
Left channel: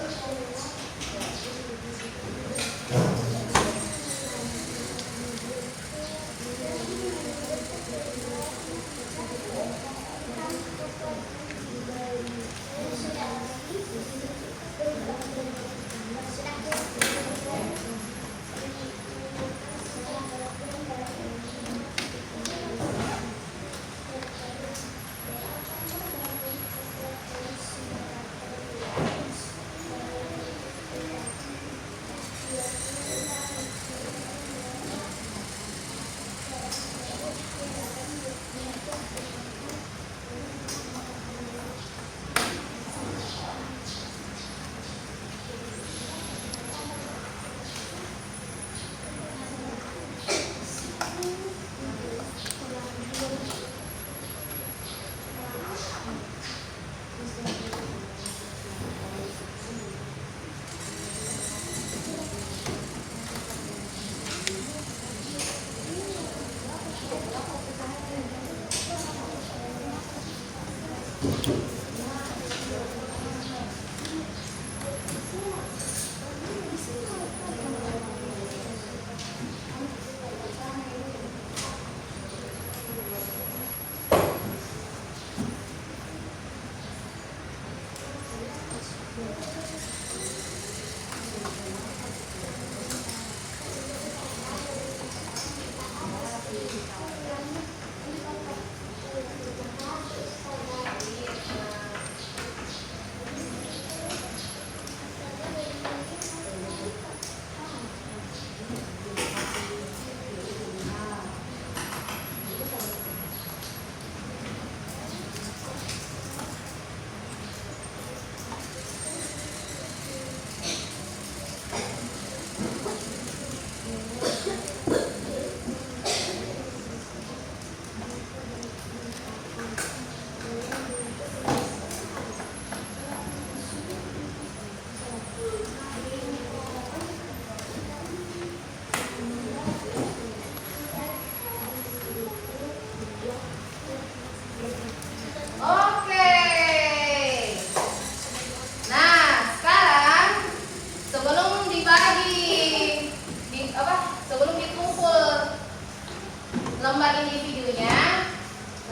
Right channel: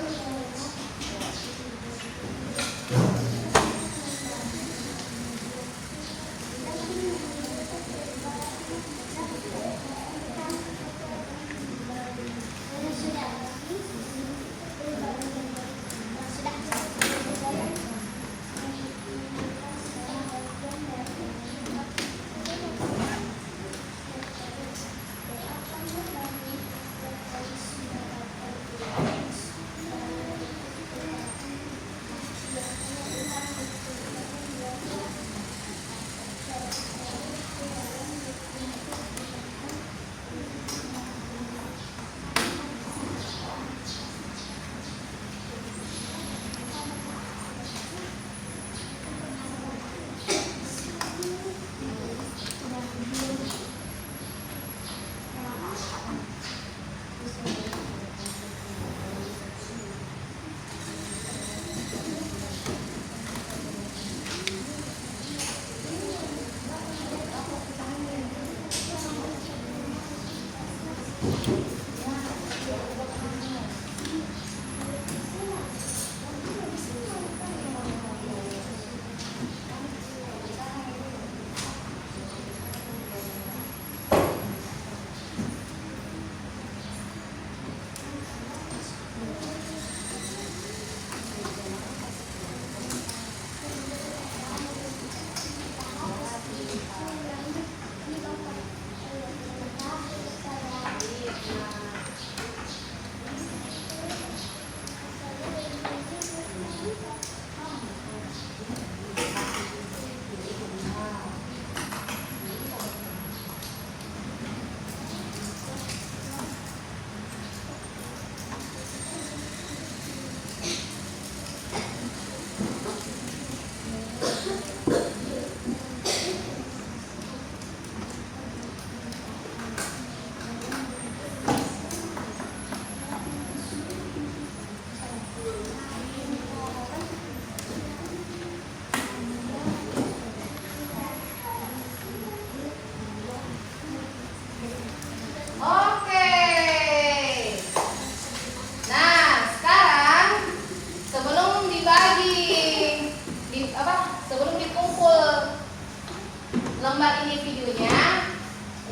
lembar individunya,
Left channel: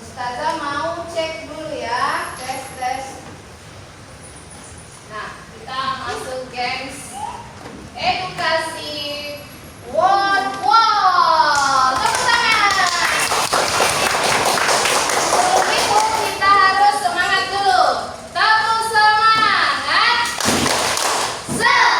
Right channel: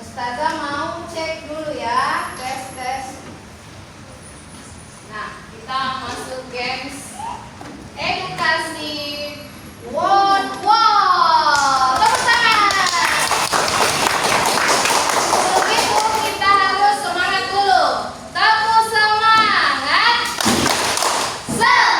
Ustazah mau cek dulu ya, tes. Nah, kita masuk games edukasi World War. Tepuk tangan. Sebelum itu kita harus semangat dulu. Tepuk semangat. Semangat.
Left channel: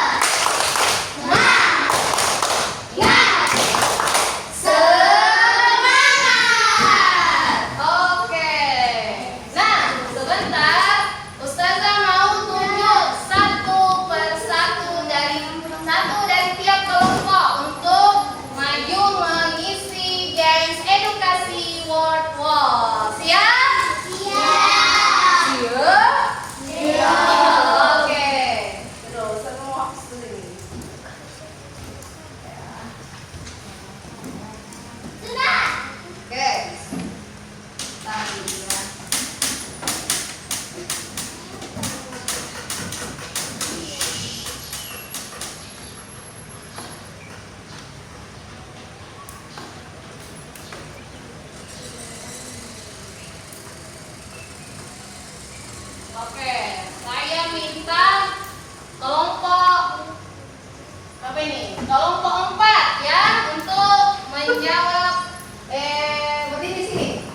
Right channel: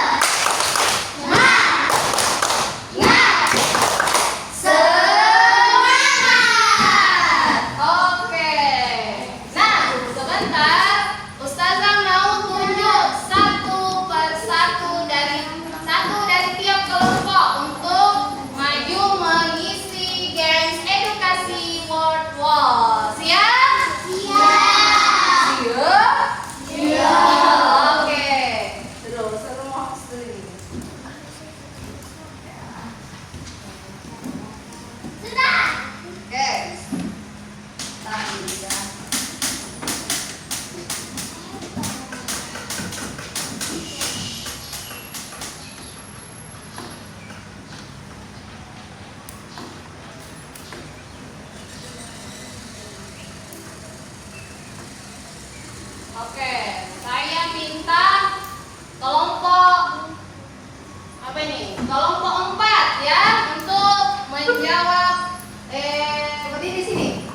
Apa ini? Kelompok 4 ya untuk menjawab berdiri di sini.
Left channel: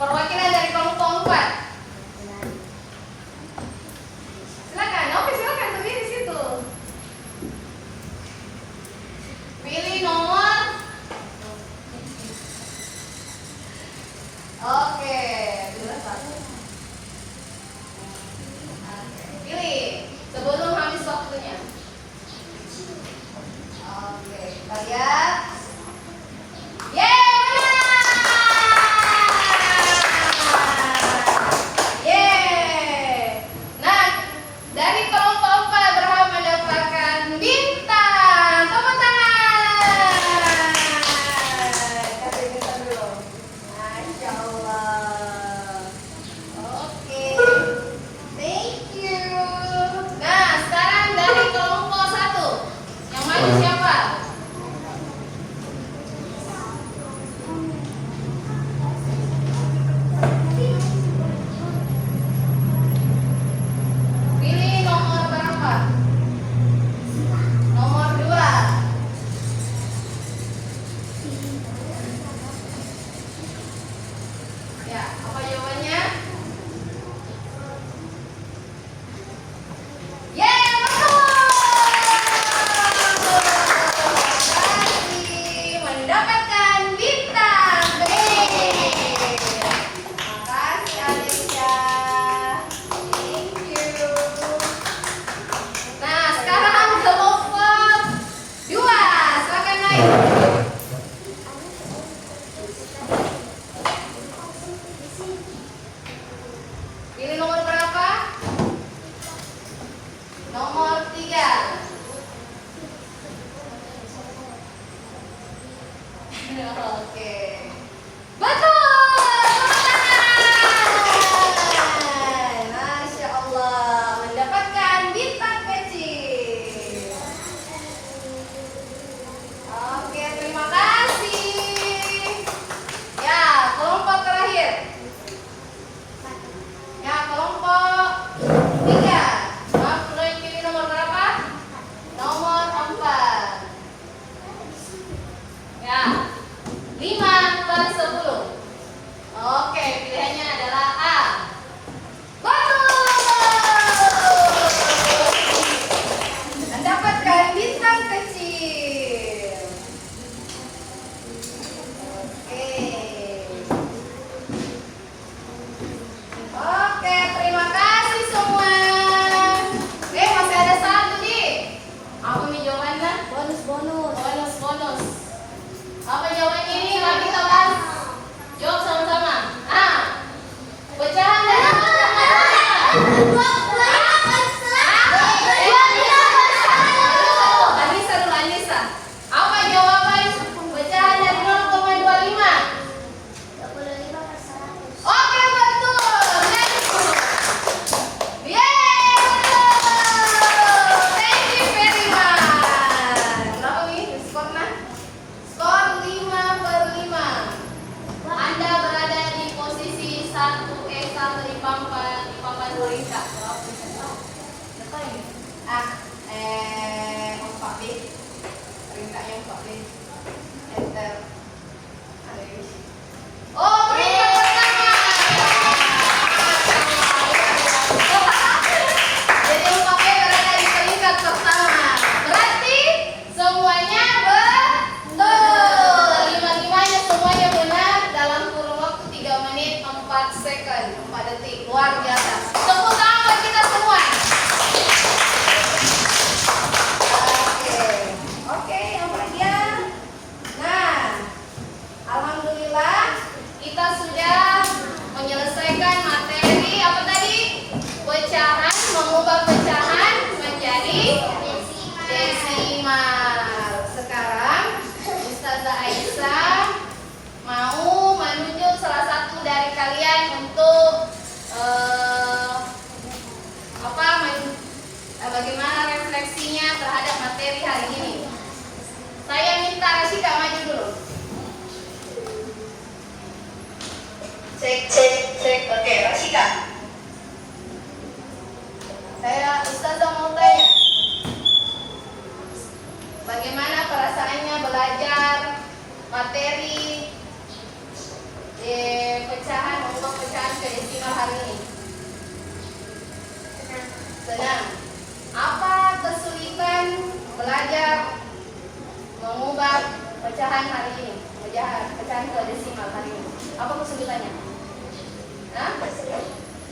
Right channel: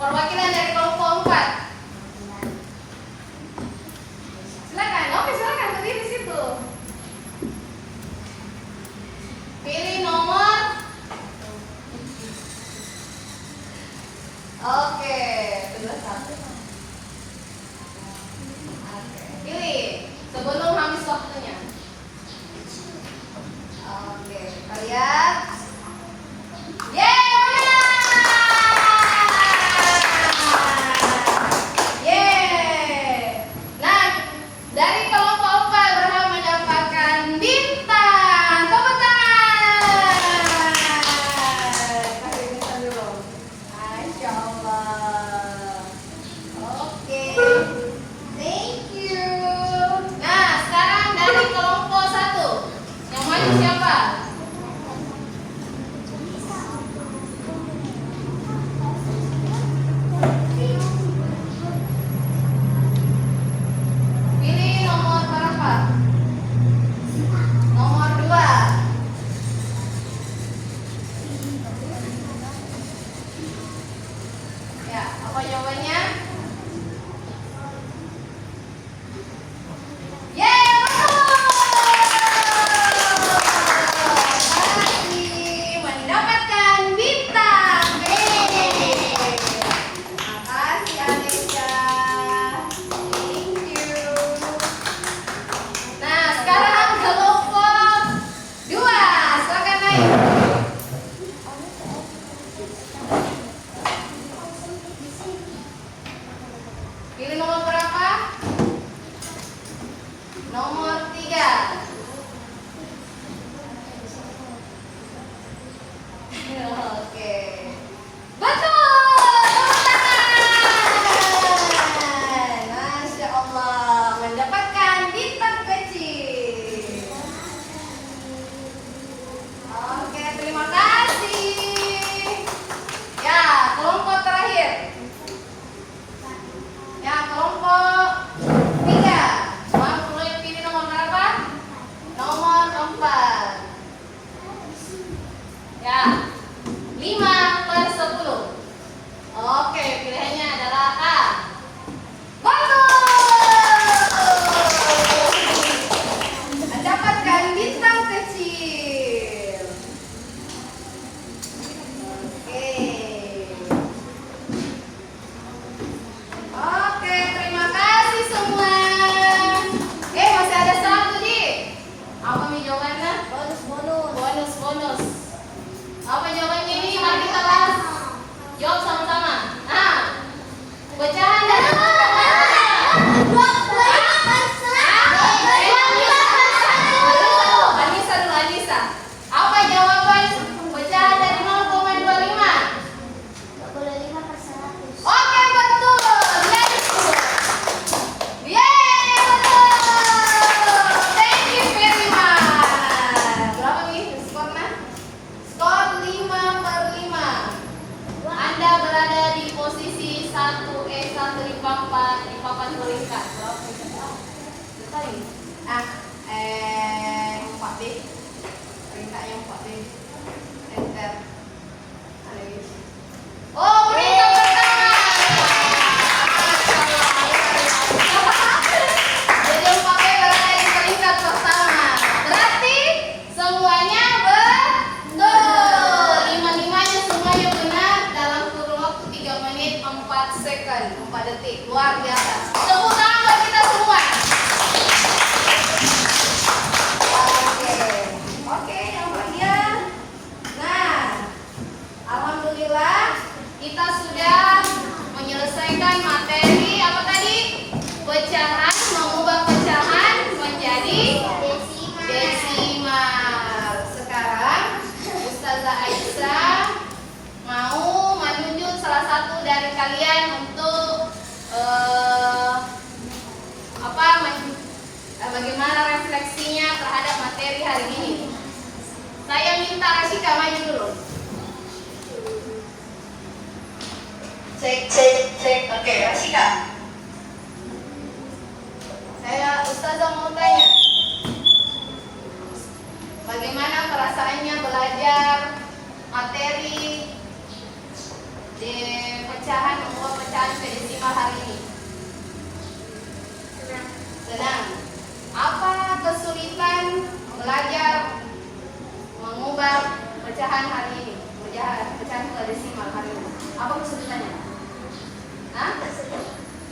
Perwakilan dari kelompok 4. Silakan. Oke, silakan berdiri di situ. Pilih nomor. Oke, kedua satu. Pilih sebelum habis waktunya. Oke, kita lihat. Nah, dari kelompok 4 berhak mendapatkan bintang. Tepuk tangan. Kasih bintang dulu. Masya Allah. Oke. Thank you. Nah, sekarang dari kelompok 1. Yang maju siapa? Pilih nomor berapa? Nomor 2. Ya, apa jawabannya? Berhasil mendapatkan bintang. Makasih Anesha. Thank you. Nah, sekarang kelompok 2. Silakan naik. Pilih nomor berapa? Nomor 3. Oke. Betul. Tangan. Masya Allah, mendapatkan bintang kecil. Oke, terima kasih. Ya, kelompok terakhir. Ya, kelompok 3. Boleh pilih nomor berapa? Nomor 4. Ya, 5/10. Oke, pilihannya adalah A. Betul. Mendapatkan bintang kecil. Oke. Oke, terima kasih semua. Masih ada satu, Ji. Apa nih jawabannya? Bonus. Apa jawabannya ini? Lagi kelas. Jawab sama-sama. Pecahan dari Anissa. Apa jawaban pecahan dari 0,25? Oke, betul. Very good. Yeay, betul. Thank you very much. Berapa nih skornya? Skor 5/5. Anda berada di posisi 1 di papan peringkat. Berapa ini? 4B. Peringkatnya 4B. Enter. Oh, peringkat pertama. Jadi 4B berada di peringkat pertama. Berarti semuanya betul. 5-5-nya semuanya benar dalam kurun waktu 3 menit 4 second, 4 detik. Luar biasa. Tepuk tangan buat kita semua. Oke, yang bagian. Nah, Bagaimana perasaannya belajar materi mengubah pecahan ke desimal hari ini? Senang. Apa kesulitan belajar mengubah pecahan hari ini? Pecahan ke desimal hari ini. Apa kesulitannya? Hah?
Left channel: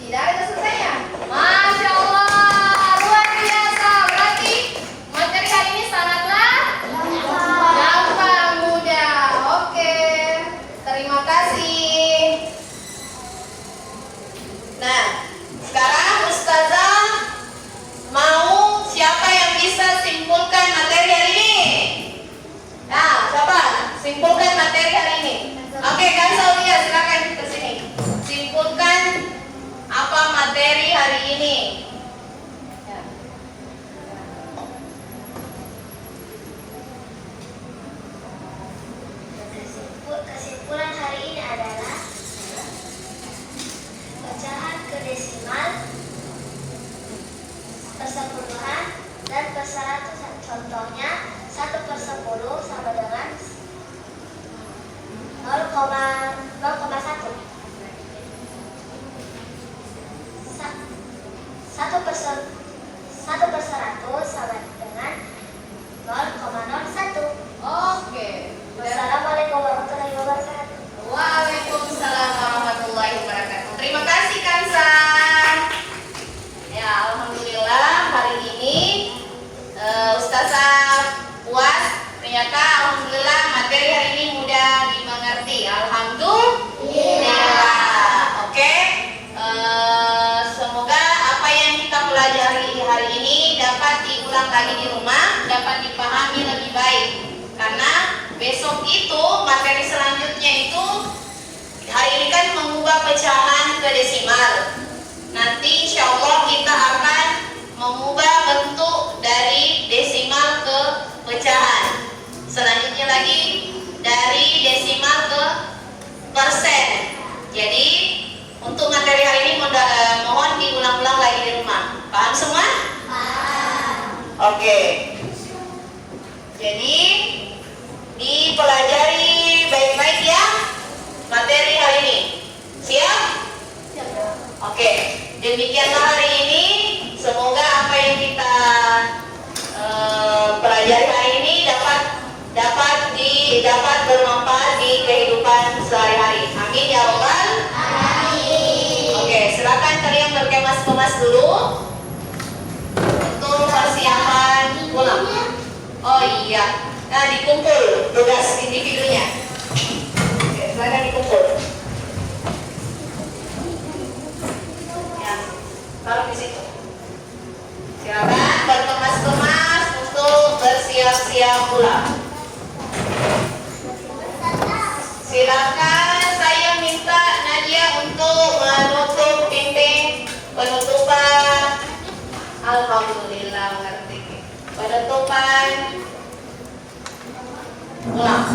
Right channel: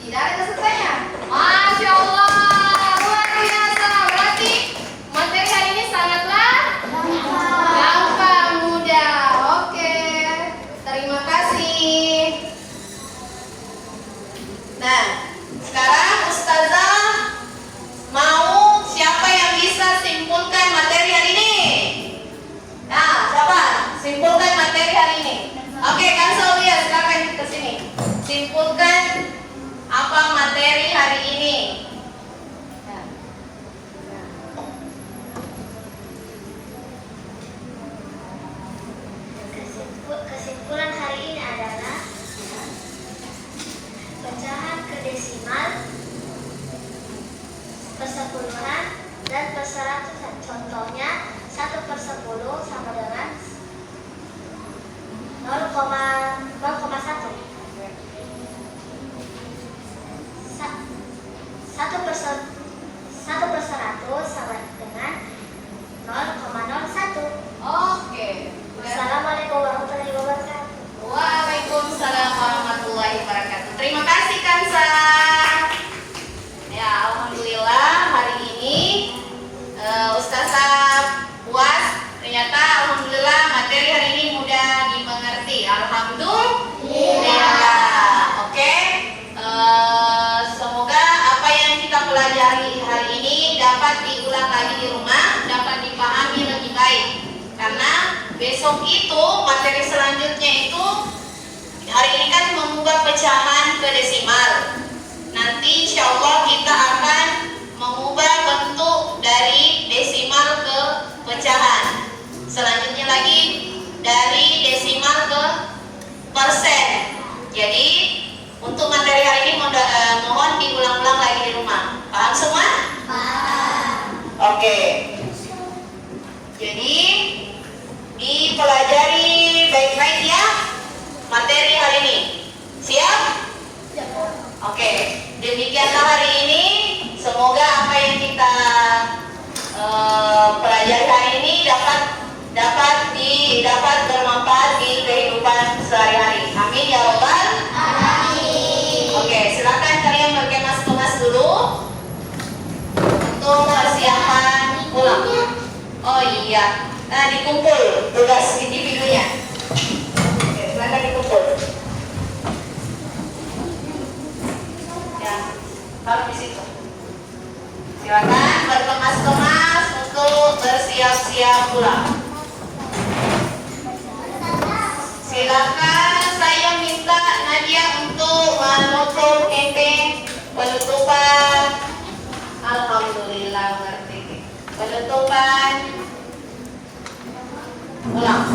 Tidak ada kesulitannya. Masya Allah, luar biasa. Berarti materi hari ini sangatlah gampang, mudah. Oke, terima kasih. Nah, sekarang Ustazah mau siapa yang bisa simpulkan materi hari ini? Nah, siapa? Simpulkan materi hari ini. Oke, Kak Saulia, silakan ke sini. Simpulkan apa materi hari ini? Kesimpulan hari ini adalah pecahan ke desimal, persepuluhan, dan perseratusan. Contohnya 1/10 sama dengan 0,1. 1/100 sama dengan 0,01. Oke. Wassalamualaikum warahmatullahi wabarakatuh. Waalaikumsalam warahmatullahi wabarakatuh. Terima kasih Kansa. Ya, alhamdulillah hari ini Ustazah puas. Ternyata alhamdulillah materi hari ini mudah dimengerti. Alhamdulillah. Oke. Semoga apa yang kita pelajari hari ini dapat diulang lagi di rumah, dapat dipahami lebih baik. Karena besok itu materi selanjutnya itu hari ini kan mengubah pecahan ke desimal. Nanti insya Allah kita akan mengubah bentuk dari desimal ke pecahan. Selanjutnya lagi dari desimal ke persen. Jadi untuk materi hari ini mohon diulang-ulang lagi di rumah. Paham semua? Paham. Oke. Jadi dipelajari baik-baik ya materi hari ini. Siap? Oke. Demikianlah hari ini. Semoga apa yang kita pelajari hari ini dapat bermanfaat di kehidupan sehari-hari. Amin ya robbal alamin. Oke, silakan kalian berkemas-kemas dulu untuk persiapan pulang. Oh iya. Nah, dikumpul tugas individunya. Oke, silakan dikumpul. Ya, kalau di situ. Silakan berkemas-kemas untuk bersiap-siap pulang. Silakan saya minta Nadia untuk menutup campaign penutupan. Alhamdulillah ngerti. Penutupan pulang.